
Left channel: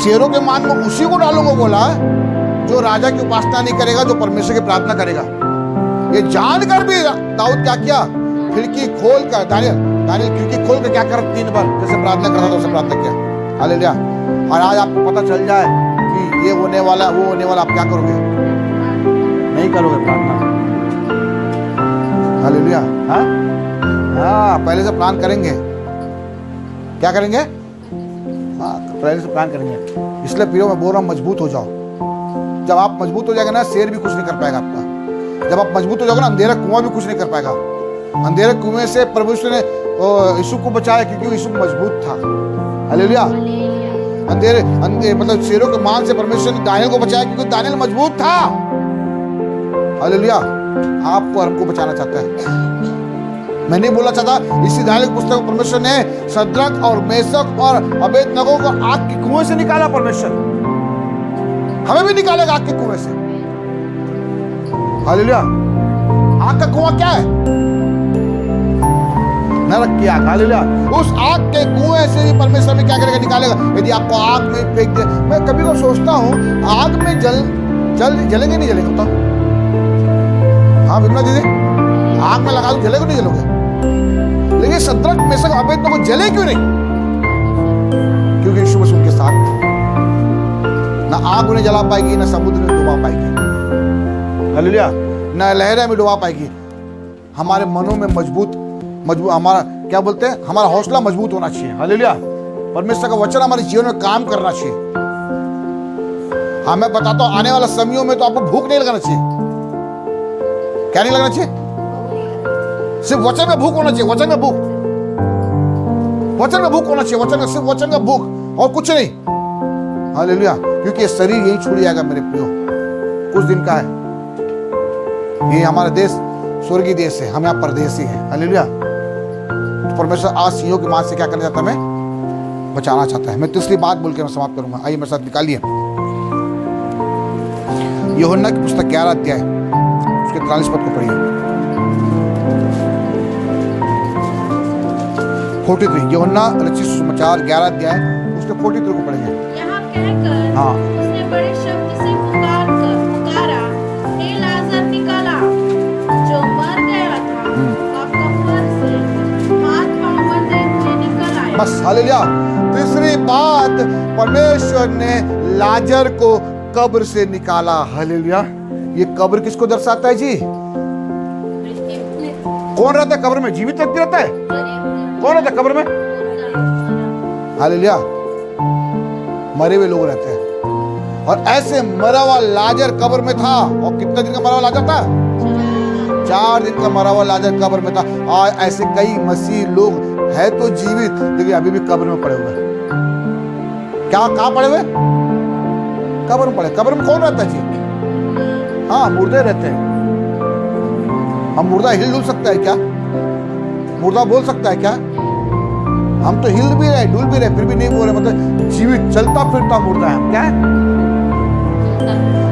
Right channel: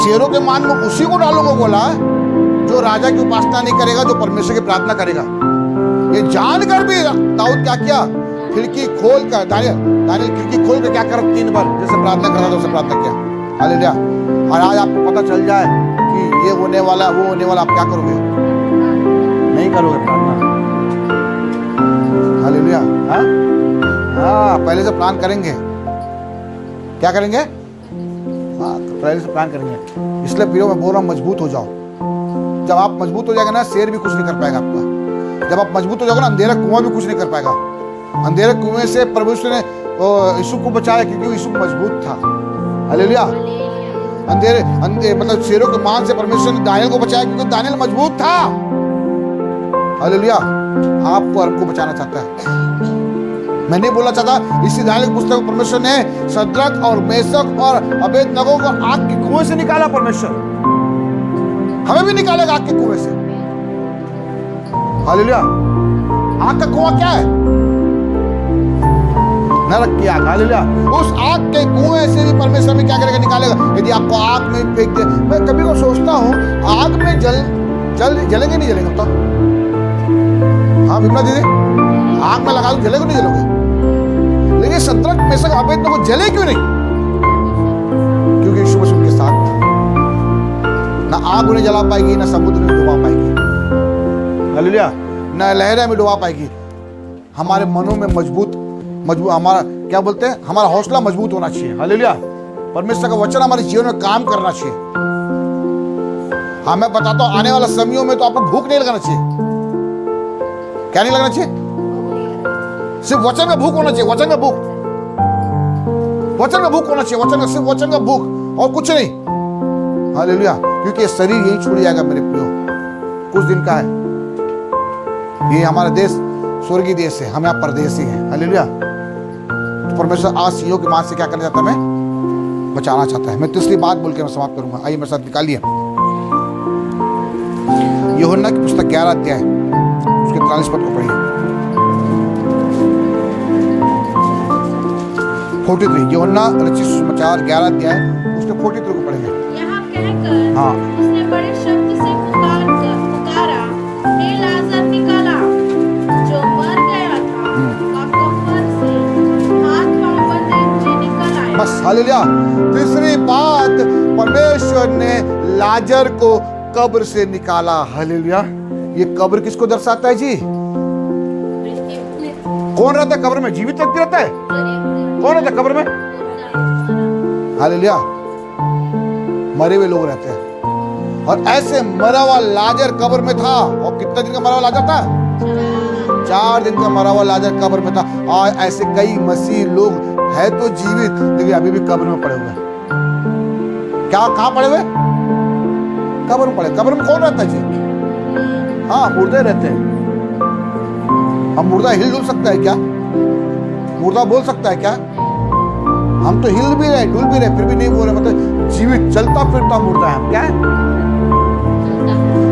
शेरों के मान में उसी को डालूंगा बोला जो राजा की उपासना नहीं करेगा, जो परमेश्वर की प्रार्थना करेगा। ये जानकर भी दाऊद क्या किया? खिड़की खोल कर दानियल खिड़की खोल कर क्या कर 3 बार जैसे प्रार्थना करता था वैसे प्रार्थना किया। हालेलुया। और आज आपको पता चल जाए कि ये होने वाला वो होने वाला, आप क्या करोगे? नहीं करोगे प्रार्थना। हालेलुया। हाँ, पहले से प्लान करेंगे। क्या करेंगे? हाँ, पहले से प्लान करेंगे। इसलिए प्रियो मैं बोल रहा हूँ, मजबूत हो जाओ। जब आप मजबूत हो जाएगा ना, शेर भी कुछ नहीं कर पाएगा आपका। जब आप मजबूत हो जाओगे ना, अंधेरा कुआं भी कुछ नहीं कर पाएगा। अंधेरे कुएं से परमेश्वर ने यीशु को बचाया क्योंकि यीशु मजबूत था। हालेलुया। अंधेरे मतलब शेरों के मान से परमेश्वर ने दानियल को बचाया क्योंकि दानियल मजबूत था। हालेलुया। आपको और हमको बचाना चाहता है। मैं नहीं बोलना चाहता, इसी दानियल की पुस्तक में परमेश्वर ने शद्रक और मेशक और अबेदनगो को आग के कुएं से निकाला। परमेश्वर हमें भी निकालेगा आग के कुएं से। हालेलुया। आग का कुआं क्या है? नरक की आग। हालेलुया। उस आग के कुएं से भी परमेश्वर में क्या करेगा? निकालेगा। यदि आपको आग में फेंक दे, मैं कभी को सोचता हूं आग में जलेंगे नहीं जलेंगे बताओ? हाँ विमला दीदी, आग में लगा दूं जलेगा नहीं जलोगे? लेकिन शद्रक मेशक अबेदनगो को जले क्यों नहीं? क्योंकि यीशु मसीह उनके साथ थे। ना आग उन्हें जला पाएगी, ना समुद्र में डुबा पाएगी। हालेलुया। ना लहरें में डुबा पाएगी। हमारे मनों में मजबूत हमारा क्या बोलते हैं, हमारा हौसला मजबूत होना चाहिए। हालेलुया। परमेश्वर का वचन हमारे जीवन में काम करना चाहिए। हाँ मैं बताता हूं, आने वाला समयों में तो आपको भूख नहीं लगाना चाहिए। क्या नहीं लगना चाहिए? सिर्फ वचन में भूख होना चाहिए। वचन में भूख होना चाहिए। वचन में सिर्फ वचन का भूख और कुछ नहीं। हालेलुया। क्योंकि ये शरीर यही छूट जाएगा मेरे प्रियो, कुछ दिन का है। ये हमारा देश स्वर्गीय देश है, हम यहाँ परदेसी हैं। हालेलुया। परमेश्वर आज सिंहों के मान से क्या करना चाहता है? मैं बचाना चाहता है। मैं तीसरी बात बोल के मैं समाप्त करूंगा। आइए मेरे साथ निकालिए यूहन्ना की पुस्तक 11 अध्याय उसके 43 पद को पढ़िए। 43 यूहन्ना रचित सुसमाचार 11 अध्याय उसके 43 को पढ़ेंगे। यहाँ कहकर हाँ। उसने बड़े शब्द से पुकारा, हे लाजर निकला, जो मर गया था का कफन से हाथ पांव बंधे हुए निकल आया। बस। हालेलुया। तीसरी बात, परमेश्वर ने लाजर को कब्र से निकाला। हालेलुया। ये कब्र किसको दर्शाता है जी? कौन रहता है कब्र में? जीवित व्यक्ति रहता है? कौन रहता है कब्र में? हालेलुया। मरे हुए लोग रहते हैं। और ऐसे मरा हुआ लाजर कब्र में था। और कितने दिन का मरा हुआ लाजर था? 4 दिन का मरा हुआ लाजर कब्र में था। और ऐसे कई मसीह लोग है तो जीवित, लेकिन अभी भी कब्र में पड़े हुए। क्या कहां पड़े हुए? कब्र में पड़े। कब्र में कौन रहता है जी? हाँ, मुर्दे रहते हैं। हम मुर्दा हिल डुल सकता है क्या? मुर्दा बोल सकता है क्या? हम तो हिल भी रहे, डुल भी रहे, फिर भी नहीं बोल रहे, मतलब जीवित चलता फिरता मुर्दा है। क्या है?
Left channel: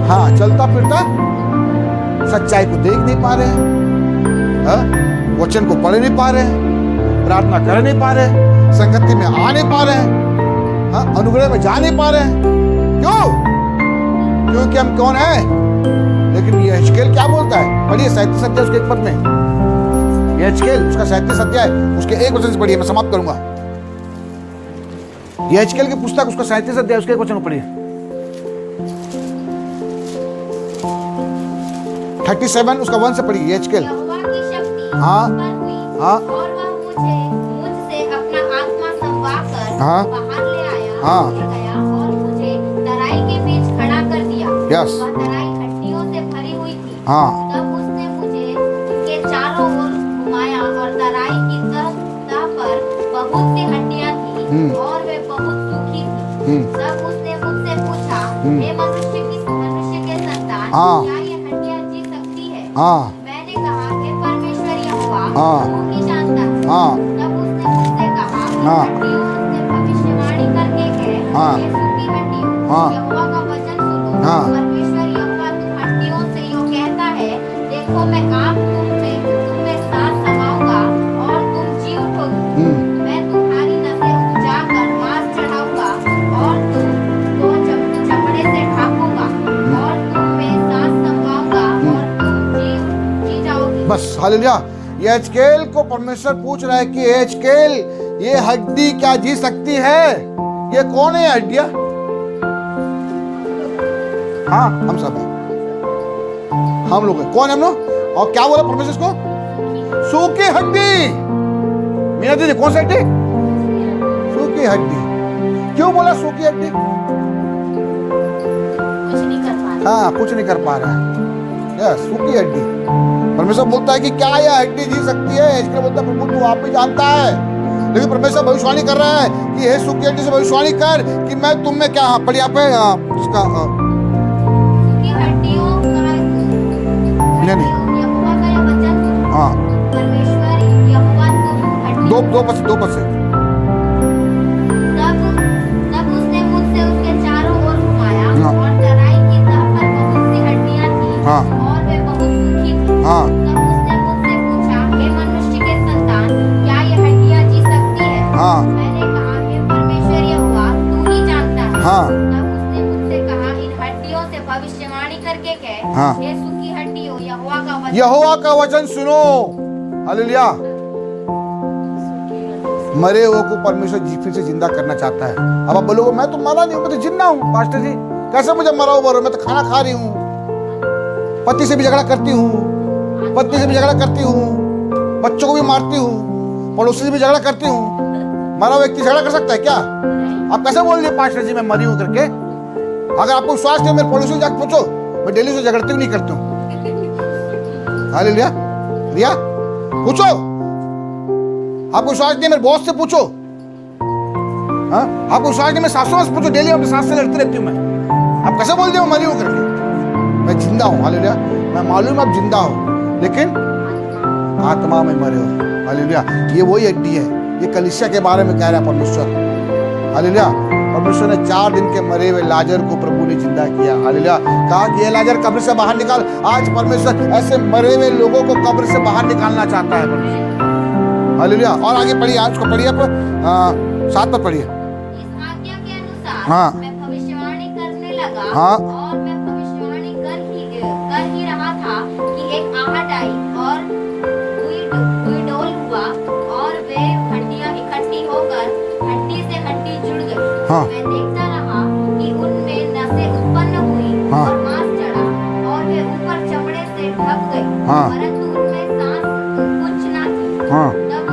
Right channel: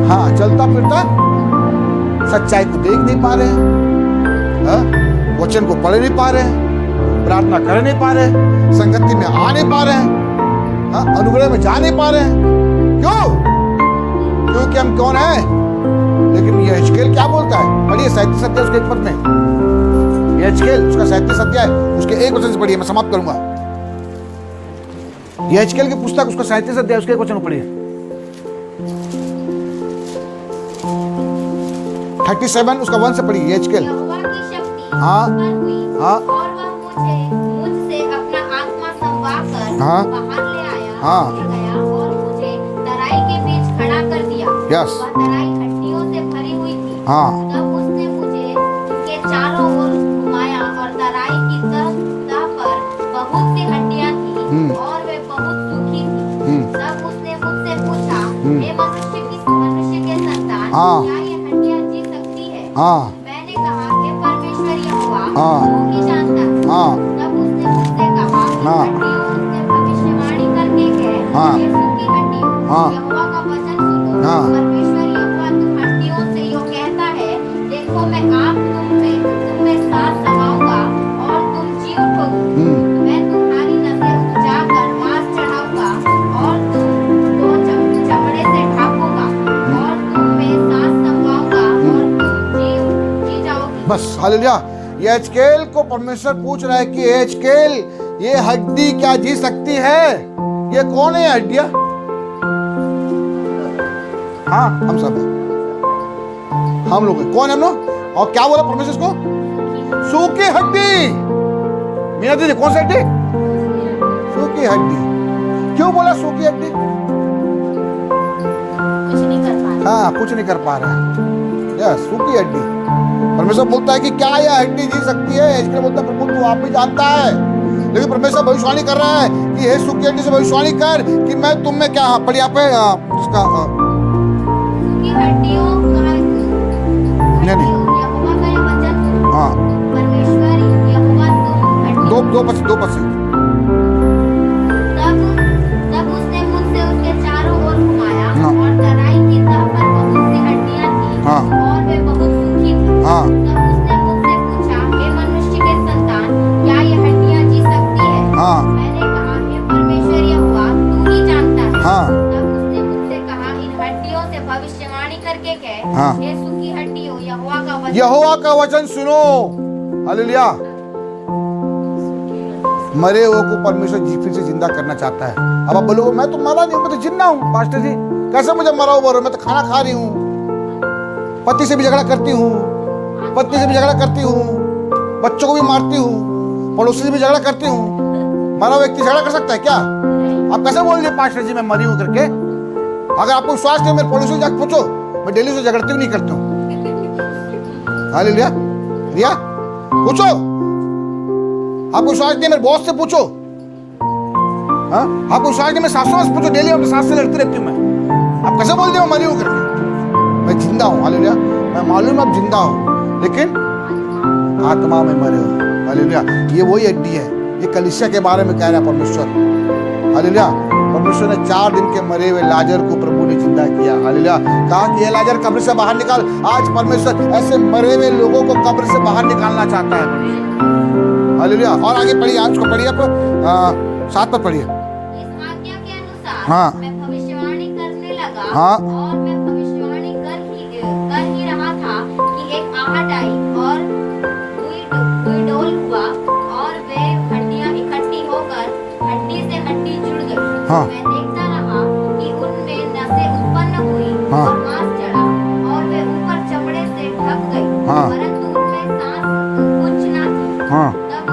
हाँ, चलता फिरता, सच्चाई को देख नहीं पा रहे हैं, वचन को पढ़ नहीं पा रहे हैं, प्रार्थना कर नहीं पा रहे हैं, संगति में आ नहीं पा रहे हैं, हाँ, अनुग्रह में जा नहीं पा रहे हैं। क्यों? क्योंकि हम कौन हैं? लेकिन यहेजकेल क्या बोलता है? पढ़िए 37 अध्याय उसके 1 पद में। यहेजकेल उसका 37 अध्याय उसके 1 वचन से पढ़िए, मैं समाप्त करूंगा। यहेजकेल की पुस्तक उसका 37 अध्याय उसके 1 वचन पढ़िए। 37 उसका 1 से पढ़िए। यहेजकेल। यहोवा की शक्ति हाँ, मुझ पर हुई, हाँ, और वह मुझसे अपना आत्मा संवाकर हाँ, बाहर ले आया, हाँ, ले गया और मुझे तराई के बीच खड़ा कर दिया। यस, वह तराई हड्डियों से भरी हुई थी। हाँ, तब उसने मुझे उसके चारों ओर घुमाया और तराई की तह पर बहुत सी हड्डियां थी और वे बहुत सूखी थी। तब उसने मुझसे पूछा, हे मनुष्य के संतान, क्या ये हड्डियां जी सकती है? मैंने कहा, हे परमेश्वर यहोवा, तू ही जानता है। तब उसने मुझसे कहा, हड्डियों से भविष्यवाणी करके कह, हे सूखी हड्डियों, यहोवा का वचन सुनो। परमेश्वर यहोवा तुम हड्डियों से यूं कहता है, देखो मैं आप तुम में सांस समाऊंगा और तुम जी उठोगी। मैं तुम्हारी नसें उपजाकर मांस चढ़ाऊंगा और तुमको चमड़े से ढांपूंगा और तुम में सांस समाऊंगा और तुम जी जाओगी। बस। हालेलुया। यहेजकेल को परमेश्वर पूछ रहा है कि यहेजकेल, ये हड्डी क्या जी सकती है? ये कौन है हड्डियां? हाँ, हम सब हैं, हम लोग हैं। कौन है हम लोग? और क्या बोला परमेश्वर इसको? सूखी हड्डी। मीना दीदी, कौन सी हड्डी? सूखी हड्डी। क्यों बोला सूखी हड्डी? कुछ नहीं कर पा रहा। हाँ, कुछ नहीं कर पा रहा है। यस, सूखी हड्डी। परमेश्वर बोलता है कि क्या यह हड्डी जी सकती है? इसके बोलता है, प्रभु तू आप भी जानता है। लेकिन परमेश्वर भविष्यवाणी कर रहा है कि हे सूखी हड्डी से भविष्यवाणी कर कि मैं तुम में क्या, पढ़िए यहाँ पे इसका सूखी हड्डियों का नहीं, यहोवा का यह वचन सुनो। हाँ, परमेश्वर यहोवा तुम हड्डियों। दो पद से। तब उसने मुझसे उसके चारों ओर घुमाया और तराई की तह पर बहुत सी हड्डियां थी और वे बहुत सूखी थी। तब उसने मुझसे पूछा, हे मनुष्य के संतान, क्या ये हड्डियां जी सकती है? मैंने कहा, हे परमेश्वर यहोवा तू ही जानता है। तब उसने मुझसे कहा, इन हड्डियों से भविष्यवाणी करके कह, हे सूखी हड्डियों, यहोवा का वचन सुनो। हालेलुया। मरे हुए को परमेश्वर फिर से जिंदा करना चाहता है। अब आप बोलोगे, मैं तो मरा नहीं हूं, मैं तो जिंदा हूं। पास्टर जी, कैसे मुझे मरा हुआ? मैं तो खाना खा रही हूँ, पति से भी झगड़ा करती हूँ, पत्नी से भी झगड़ा करती हूँ, बच्चों को भी मारती हूँ, पड़ोसी से भी झगड़ा करती हूँ। मरा व्यक्ति झगड़ा कर सकता है क्या? आप कैसे बोल रहे पास्टर जी मैं मरी हूँ करके? अगर आपको विश्वास नहीं, मेरे पड़ोसी से जाकर पूछो, मैं डेली से झगड़ती हूँ, नहीं करती हूँ। हालेलुया। रिया, पूछो। आपको विश्वास नहीं, मेरे बॉस से पूछो। हाँ, आपको विश्वास नहीं, मैं सासू से पूछो, डेली अपने सास से लड़ती रहती हूँ मैं। आप कैसे बोल रहे हो मरी हूँ करके? मैं जिंदा हूँ। हालेलुया। मैं मालूम आप जिंदा हो, लेकिन आत्मा में मरे हो। हालेलुया। ये वही हड्डी है। ये कलीसिया के बारे में कह रहा है परमेश्वर। हालेलुया। परमेश्वर ने 4 दिन के मरे हुए लाजर को प्रभु ने जिंदा किया। हालेलुया। कहा कि ये लाजर कब्र से बाहर निकाल। आज परमेश्वर ऐसे मरे हुए लोगों को कब्र से बाहर निकालना चाहता है परमेश्वर। हालेलुया। और आगे पढ़िए, आज को पढ़िए आप 7 पर पढ़िए। इस आज्ञा के अनुसार मैं भविष्यवाणी करने लगा और मैं भविष्यवाणी कर ही रहा था कि एक आहट आई और हुई डोल हुआ और वे हड्डियां इकट्ठी होकर हड्डी से हड्डी जुड़ गई। मैं देखता रहा कि उनमें नसें उत्पन्न हुई और मांस चढ़ा और वे ऊपर चमड़े से ढक गई, परंतु उनमें सांस कुछ न थी। तब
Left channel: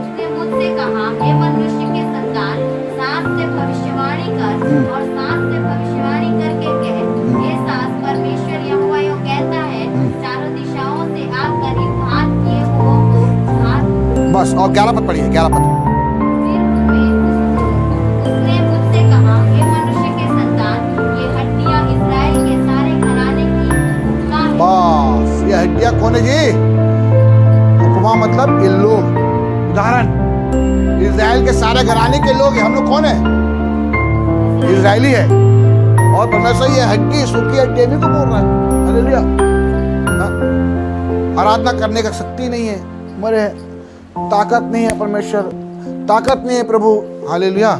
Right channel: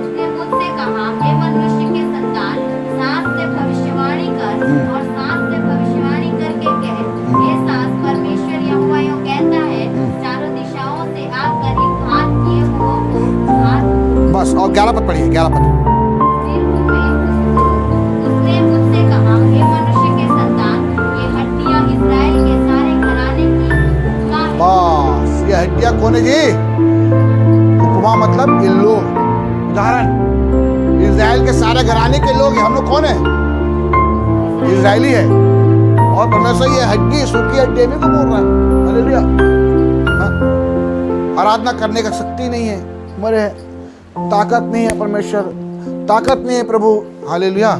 उसने मुझसे कहा, हे मनुष्य के संतान, सांस से भविष्यवाणी कर और सांस से भविष्यवाणी करके कह, हे सांस, परमेश्वर यहोवा यूं कहता है, चारों दिशाओं से आग बस, और 11 पद पढ़िए, 11 पद। उसने मुझसे कहा, हे मनुष्य के संतान, ये हड्डियां इस्राएल के सारे घराने की उपमा है। बस, ये हड्डियां कौन है जी? उपमा मतलब ये लोग, उदाहरण, इस्राएल के सारे घराने के लोग हैं। हम लोग कौन है? इस्राएली है। और परमेश्वर ये हड्डी, सूखी हड्डी भी को बोल रहा है। हालेलुया। हाँ? आराधना करने का शक्ति नहीं है, मरे हैं, ताकत नहीं है परमेश्वर, ताकत नहीं है प्रभु। हालेलुया।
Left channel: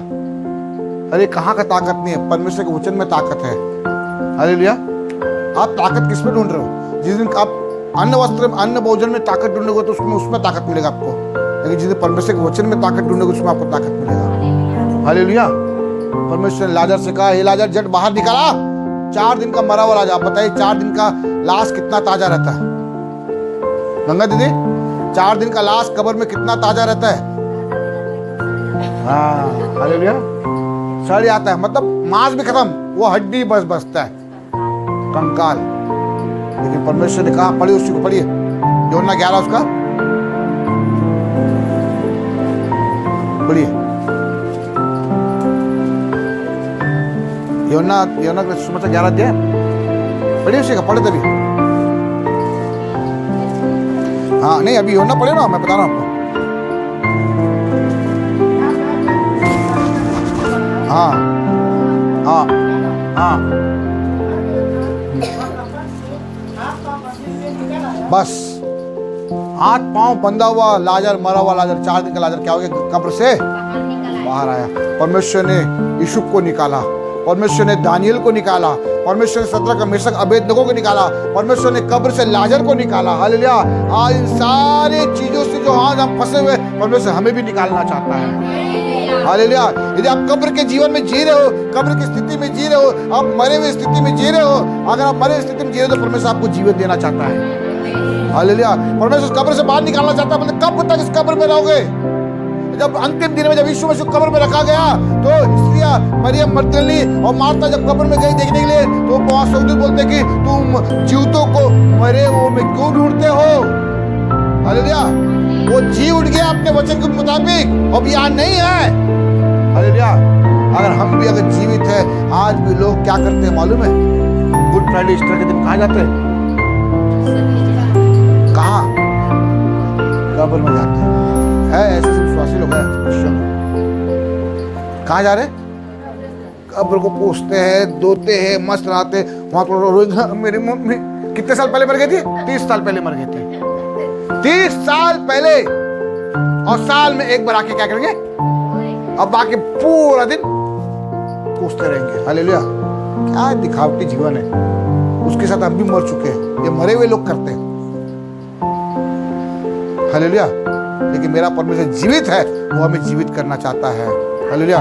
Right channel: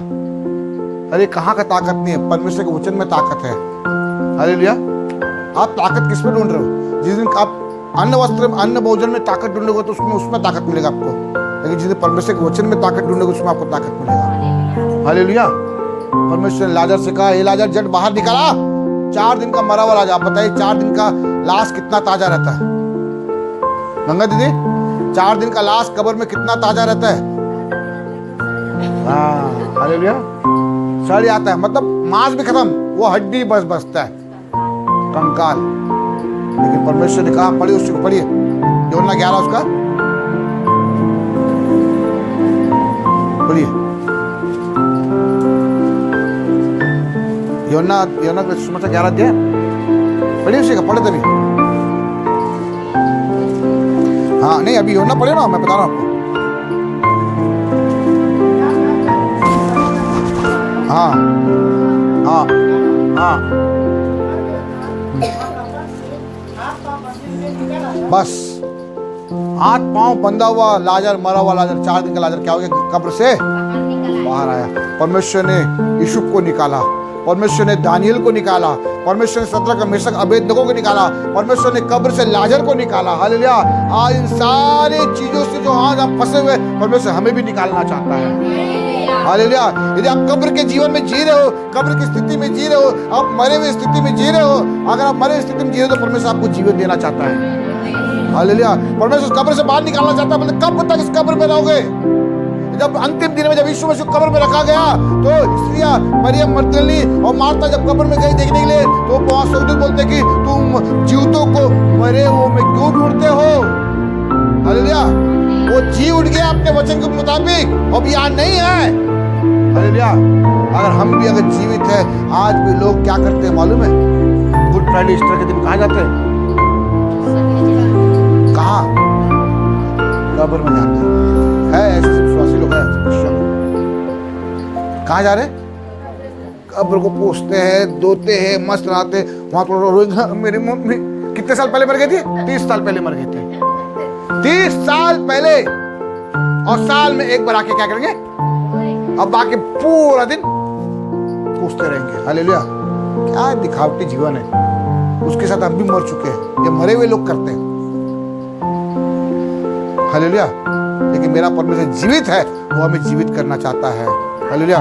अरे कहाँ का ताकत नहीं है? परमेश्वर के वचन में ताकत है। हालेलुया। आप ताकत किस में ढूंढ रहे हो? जिस दिन आप अन्न वस्त्र, अन्न भोजन में ताकत ढूंढोगे तो उसमें ताकत मिलेगा आपको, लेकिन जिस दिन परमेश्वर के वचन में ताकत ढूंढोगे उसमें आपको ताकत मिलेगा। हालेलुया। परमेश्वर ने लाजर से कहा, हे लाजर जट बाहर निकाला। 4 दिन का मरा हुआ लाजर। आप बताइए 4 दिन का लाश कितना ताजा रहता है? गंगा दीदी, 4 दिन का लाश कब्र में कितना ताजा रहता है? हाँ, हालेलुया। सड़ आता है, मतलब मांस भी खत्म, वो हड्डी बस बचता है, कंकाल। लेकिन परमेश्वर ने कहा, पढ़िए उसी को, पढ़िए यूहन्ना 11 उसका पढ़िए। यूहन्ना का सुसमाचार 11 अध्याय पढ़िए उसी का, पढ़े तभी। हाँ नहीं, अभी यूहन्ना पढ़े ना, मैं बता रहा हूँ आपको। हाँ हाँ हाँ, बस हाथ पांव बंधा हुआ लाजर, मरा हुआ लाजर, 4 दिन का लाजर क्या हो गया? कब्र से बाहर आया। परमेश्वर ने यूसुफ को निकाला, परमेश्वर ने दानियल को निकाला, परमेश्वर ने सद्रक मेशक अबेदनगो को निकाला, परमेश्वर ने कब्र से लाजर को निकाला। हालेलुया। आज इन सारे चीजों से जो आज हम फंसे हुए, परमेश्वर हमें भी निकालना चाहता है। हालेलुया। यदि आप कब्र के जीवन में जी रहे हो, कब्र की स्थिति में जी रहे हो, आप मरे हुए स्थिति में जी रहे हो, अगर आप मरे हुए स्थिति में जी रहे हो तो परमेश्वर आपको जीवन देना चाहता है। हालेलुया। परमेश्वर कब्र से बाहर निकालना चाहता है। मतलब कब तक इस कब्र में रहोगे? जब अंतिम दिन में जब यीशु मसीह कब्र में रखा गया तो स्त्रियां मरियम मगदलीनी और मार्था जब कब्र में गई देखने के लिए, तो वहां स्वर्गदूत बोलते कि तुम जीवितों को मरे हुओं में क्यों ढूंढते हो? हालेलुया। वो जी उठ गया अपने वचन के मुताबिक, अब यहाँ नहीं है। हालेलुया। अगर हम भी अगर जीवित है, आज भी लोग क्या करते हैं मालूम है? गुड फ्राइडे, ईस्टर के दिन कहाँ जाते हैं? कहाँ? कब्र में जाते हैं। है ऐसे विश्वासी लोग हैं, क्रिश्चियन लोग। कहाँ जा रहे? कब्र को पोंछते हैं, धोते हैं, मस्त रहते हैं। वहां तो मेरी मम्मी कितने साल पहले मर गई थी? 30 साल पहले मर गई थी। 30 साल पहले। और साल में एक बार आके क्या करेंगे? अब बाकी पूरा दिन पूछते रहेंगे। हालेलुया। क्या दिखावटी जीवन है, उसके साथ हम भी मर चुके हैं। ये मरे हुए लोग करते हैं। हालेलुया। लेकिन मेरा परमेश्वर जीवित है, वो हमें जीवित करना चाहता है। हालेलुया।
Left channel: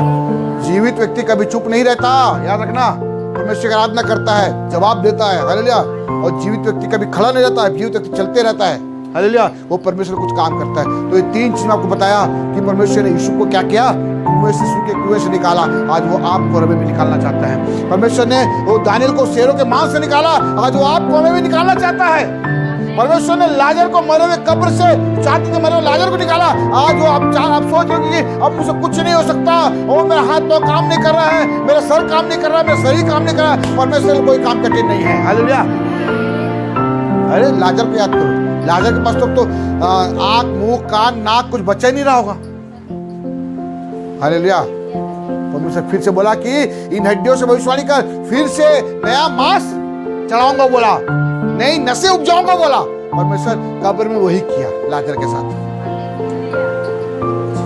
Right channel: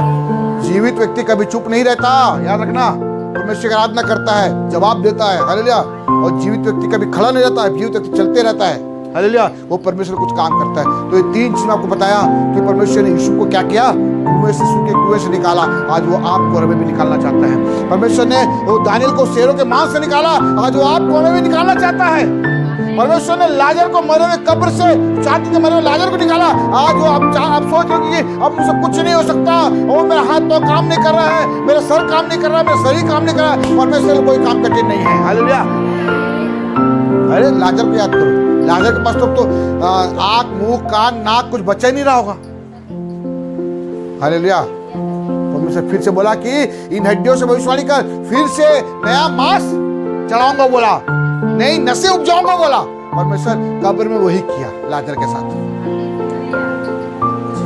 जीवित व्यक्ति कभी चुप नहीं रहता, याद रखना। परमेश्वर की आराधना करता है, जवाब देता है। हालेलुया। और जीवित व्यक्ति कभी खड़ा नहीं रहता है, जीवित व्यक्ति चलते रहता है। हालेलुया। वो परमेश्वर कुछ काम करता है। तो ये 3 चीज मैं आपको बताया कि परमेश्वर ने यीशु को क्या किया? कुएं से, सूखे कुएं से निकाला। आज वो आपको और हमें भी निकालना चाहता है। परमेश्वर ने वो दानियल को शेरों के मांस से निकाला, आज वो आपको हमें भी निकालना चाहता है। परमेश्वर ने लाजर को मरे हुए कब्र से, 4 दिन के मरे हुए लाजर को निकाला। आज वो आप सोच रहे हो कि अब मुझसे कुछ नहीं हो सकता, वो मेरा हाथ तो काम नहीं कर रहा है, मेरा सर काम नहीं कर रहा है, मेरा शरीर काम नहीं कर रहा है। परमेश्वर को कोई काम कठिन नहीं है। हालेलुया। अरे लाजर को याद करो, लाजर के पास तो आंख, मुंह, कान, नाक कुछ बचा ही नहीं रहा होगा। हालेलुया। परमेश्वर फिर से बोला कि इन हड्डियों से भविष्यवाणी कर, फिर से नया मांस चढ़ाऊंगा बोला, नई नसें उपजाऊंगा बोला। परमेश्वर कब्र में वही किया लाजर के साथ।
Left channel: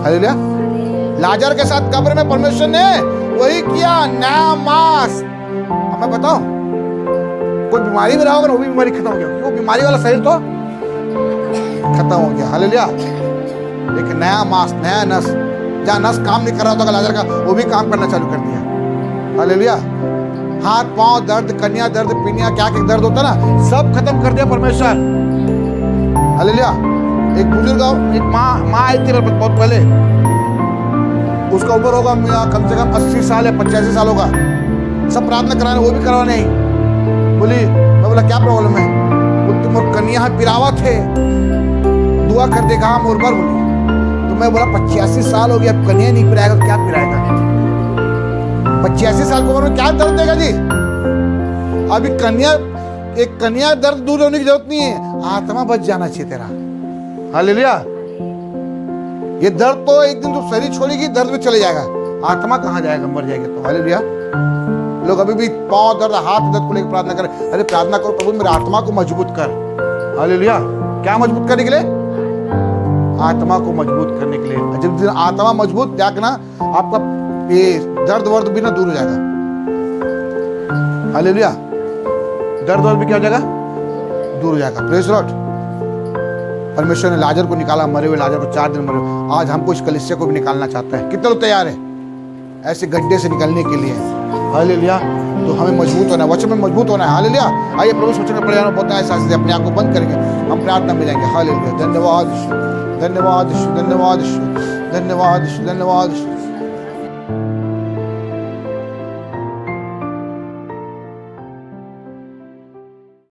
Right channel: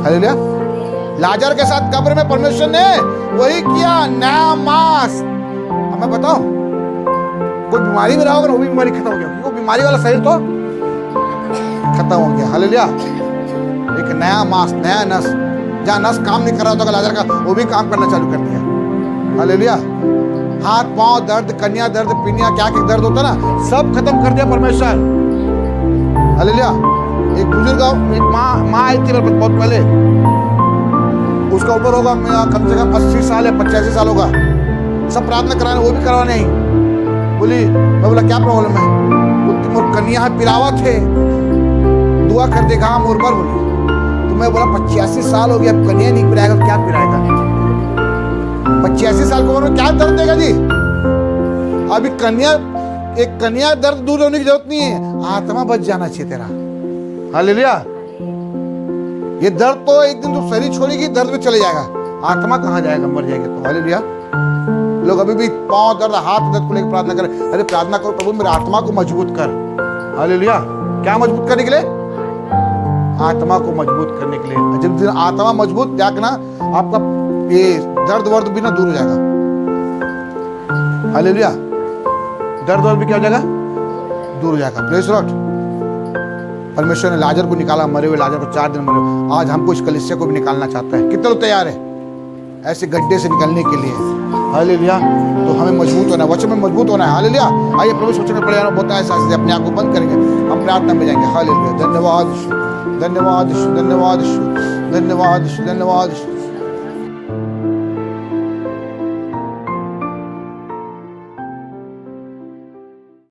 हालेलुया। लाजर के साथ कब्र में परमेश्वर ने वही किया, नया मांस। अब मैं बताऊं, कोई बीमारी में रहा होगा, वो भी बीमारी खत्म हो गया, क्योंकि वो बीमारी वाला शरीर तो खत्म हो गया। हालेलुया। एक नया मांस, नया नस, जहां नस काम नहीं कर रहा था लाजर का, वो भी काम करना चालू कर दिया। हालेलुया। हाथ पांव दर्द, कन्या दर्द, पिनिया, क्या क्या दर्द होता ना, सब खत्म कर दिया परमेश्वर। हालेलुया। एक बुजुर्ग, एक माँ आई थी बहुत पहले, उसका उम्र होगा कम से कम 80 साल या 85 साल होगा। सब प्रार्थना कराने, वो भी करवाने ही बोली। मैं बोला क्या प्रॉब्लम है? बोलती मोर कन्या है, पिरावा थे, दुआ कर देगा मोर पर। बोली तो मैं बोला 85 साल हो गया, अब कन्या नहीं पिलाएगा तो क्या पिलाएगा? 85 साल की उम्र में क्या दर्द देगा जी? अभी एक कन्या दर्द दूर होने की जरूरत नहीं है, आत्मा बच जाना चाहिए तेरा। हालेलुया। ये दर्द तो एक दिन तू शरीर छोड़ेगी दर्द में चले जाएगा, आत्मा कहाँ जाएगा? मर जाएगा तो। हालेलुया। लोग अभी भी पांव दर्द, हाथ दर्द को लेकर प्रार्थना करें। अरे प्रार्थना करो, प्रभु मेरे आत्मा को मजबूत कर। हालेलुया। क्या मजबूत करने के लिए? आत्मा को मजबूत करने के लिए। जब दिन आत्मा मजबूत जाएगा ना, आपका ये दर्द वर्द भी ना दूर हो जाएगा। हालेलुया। दर्द वर्द भी क्या हो जाएगा? दूर हो जाएगा। Praise Lord. परमेश्वर ने लाजर को निकाला, मरे हुए लाजर को 4 दिन मरे हुए। आज हमको इस कलीसिया को भी निकालना चाहता है। कितने लोग तैयार है ऐसे गड्ढे से निकलने के लिए? हालेलुया। तो हमें मजबूत होना है, वचन में मजबूत होना है। हालेलुया। आइए प्रभु वचन में पढ़े होता है, साथ अपने आप को बंद करेंगे, हम प्रार्थना में जाएंगे। हालेलुया। धन्यवाद, धन्यवाद, धन्यवाद, धन्यवाद, धन्यवाद।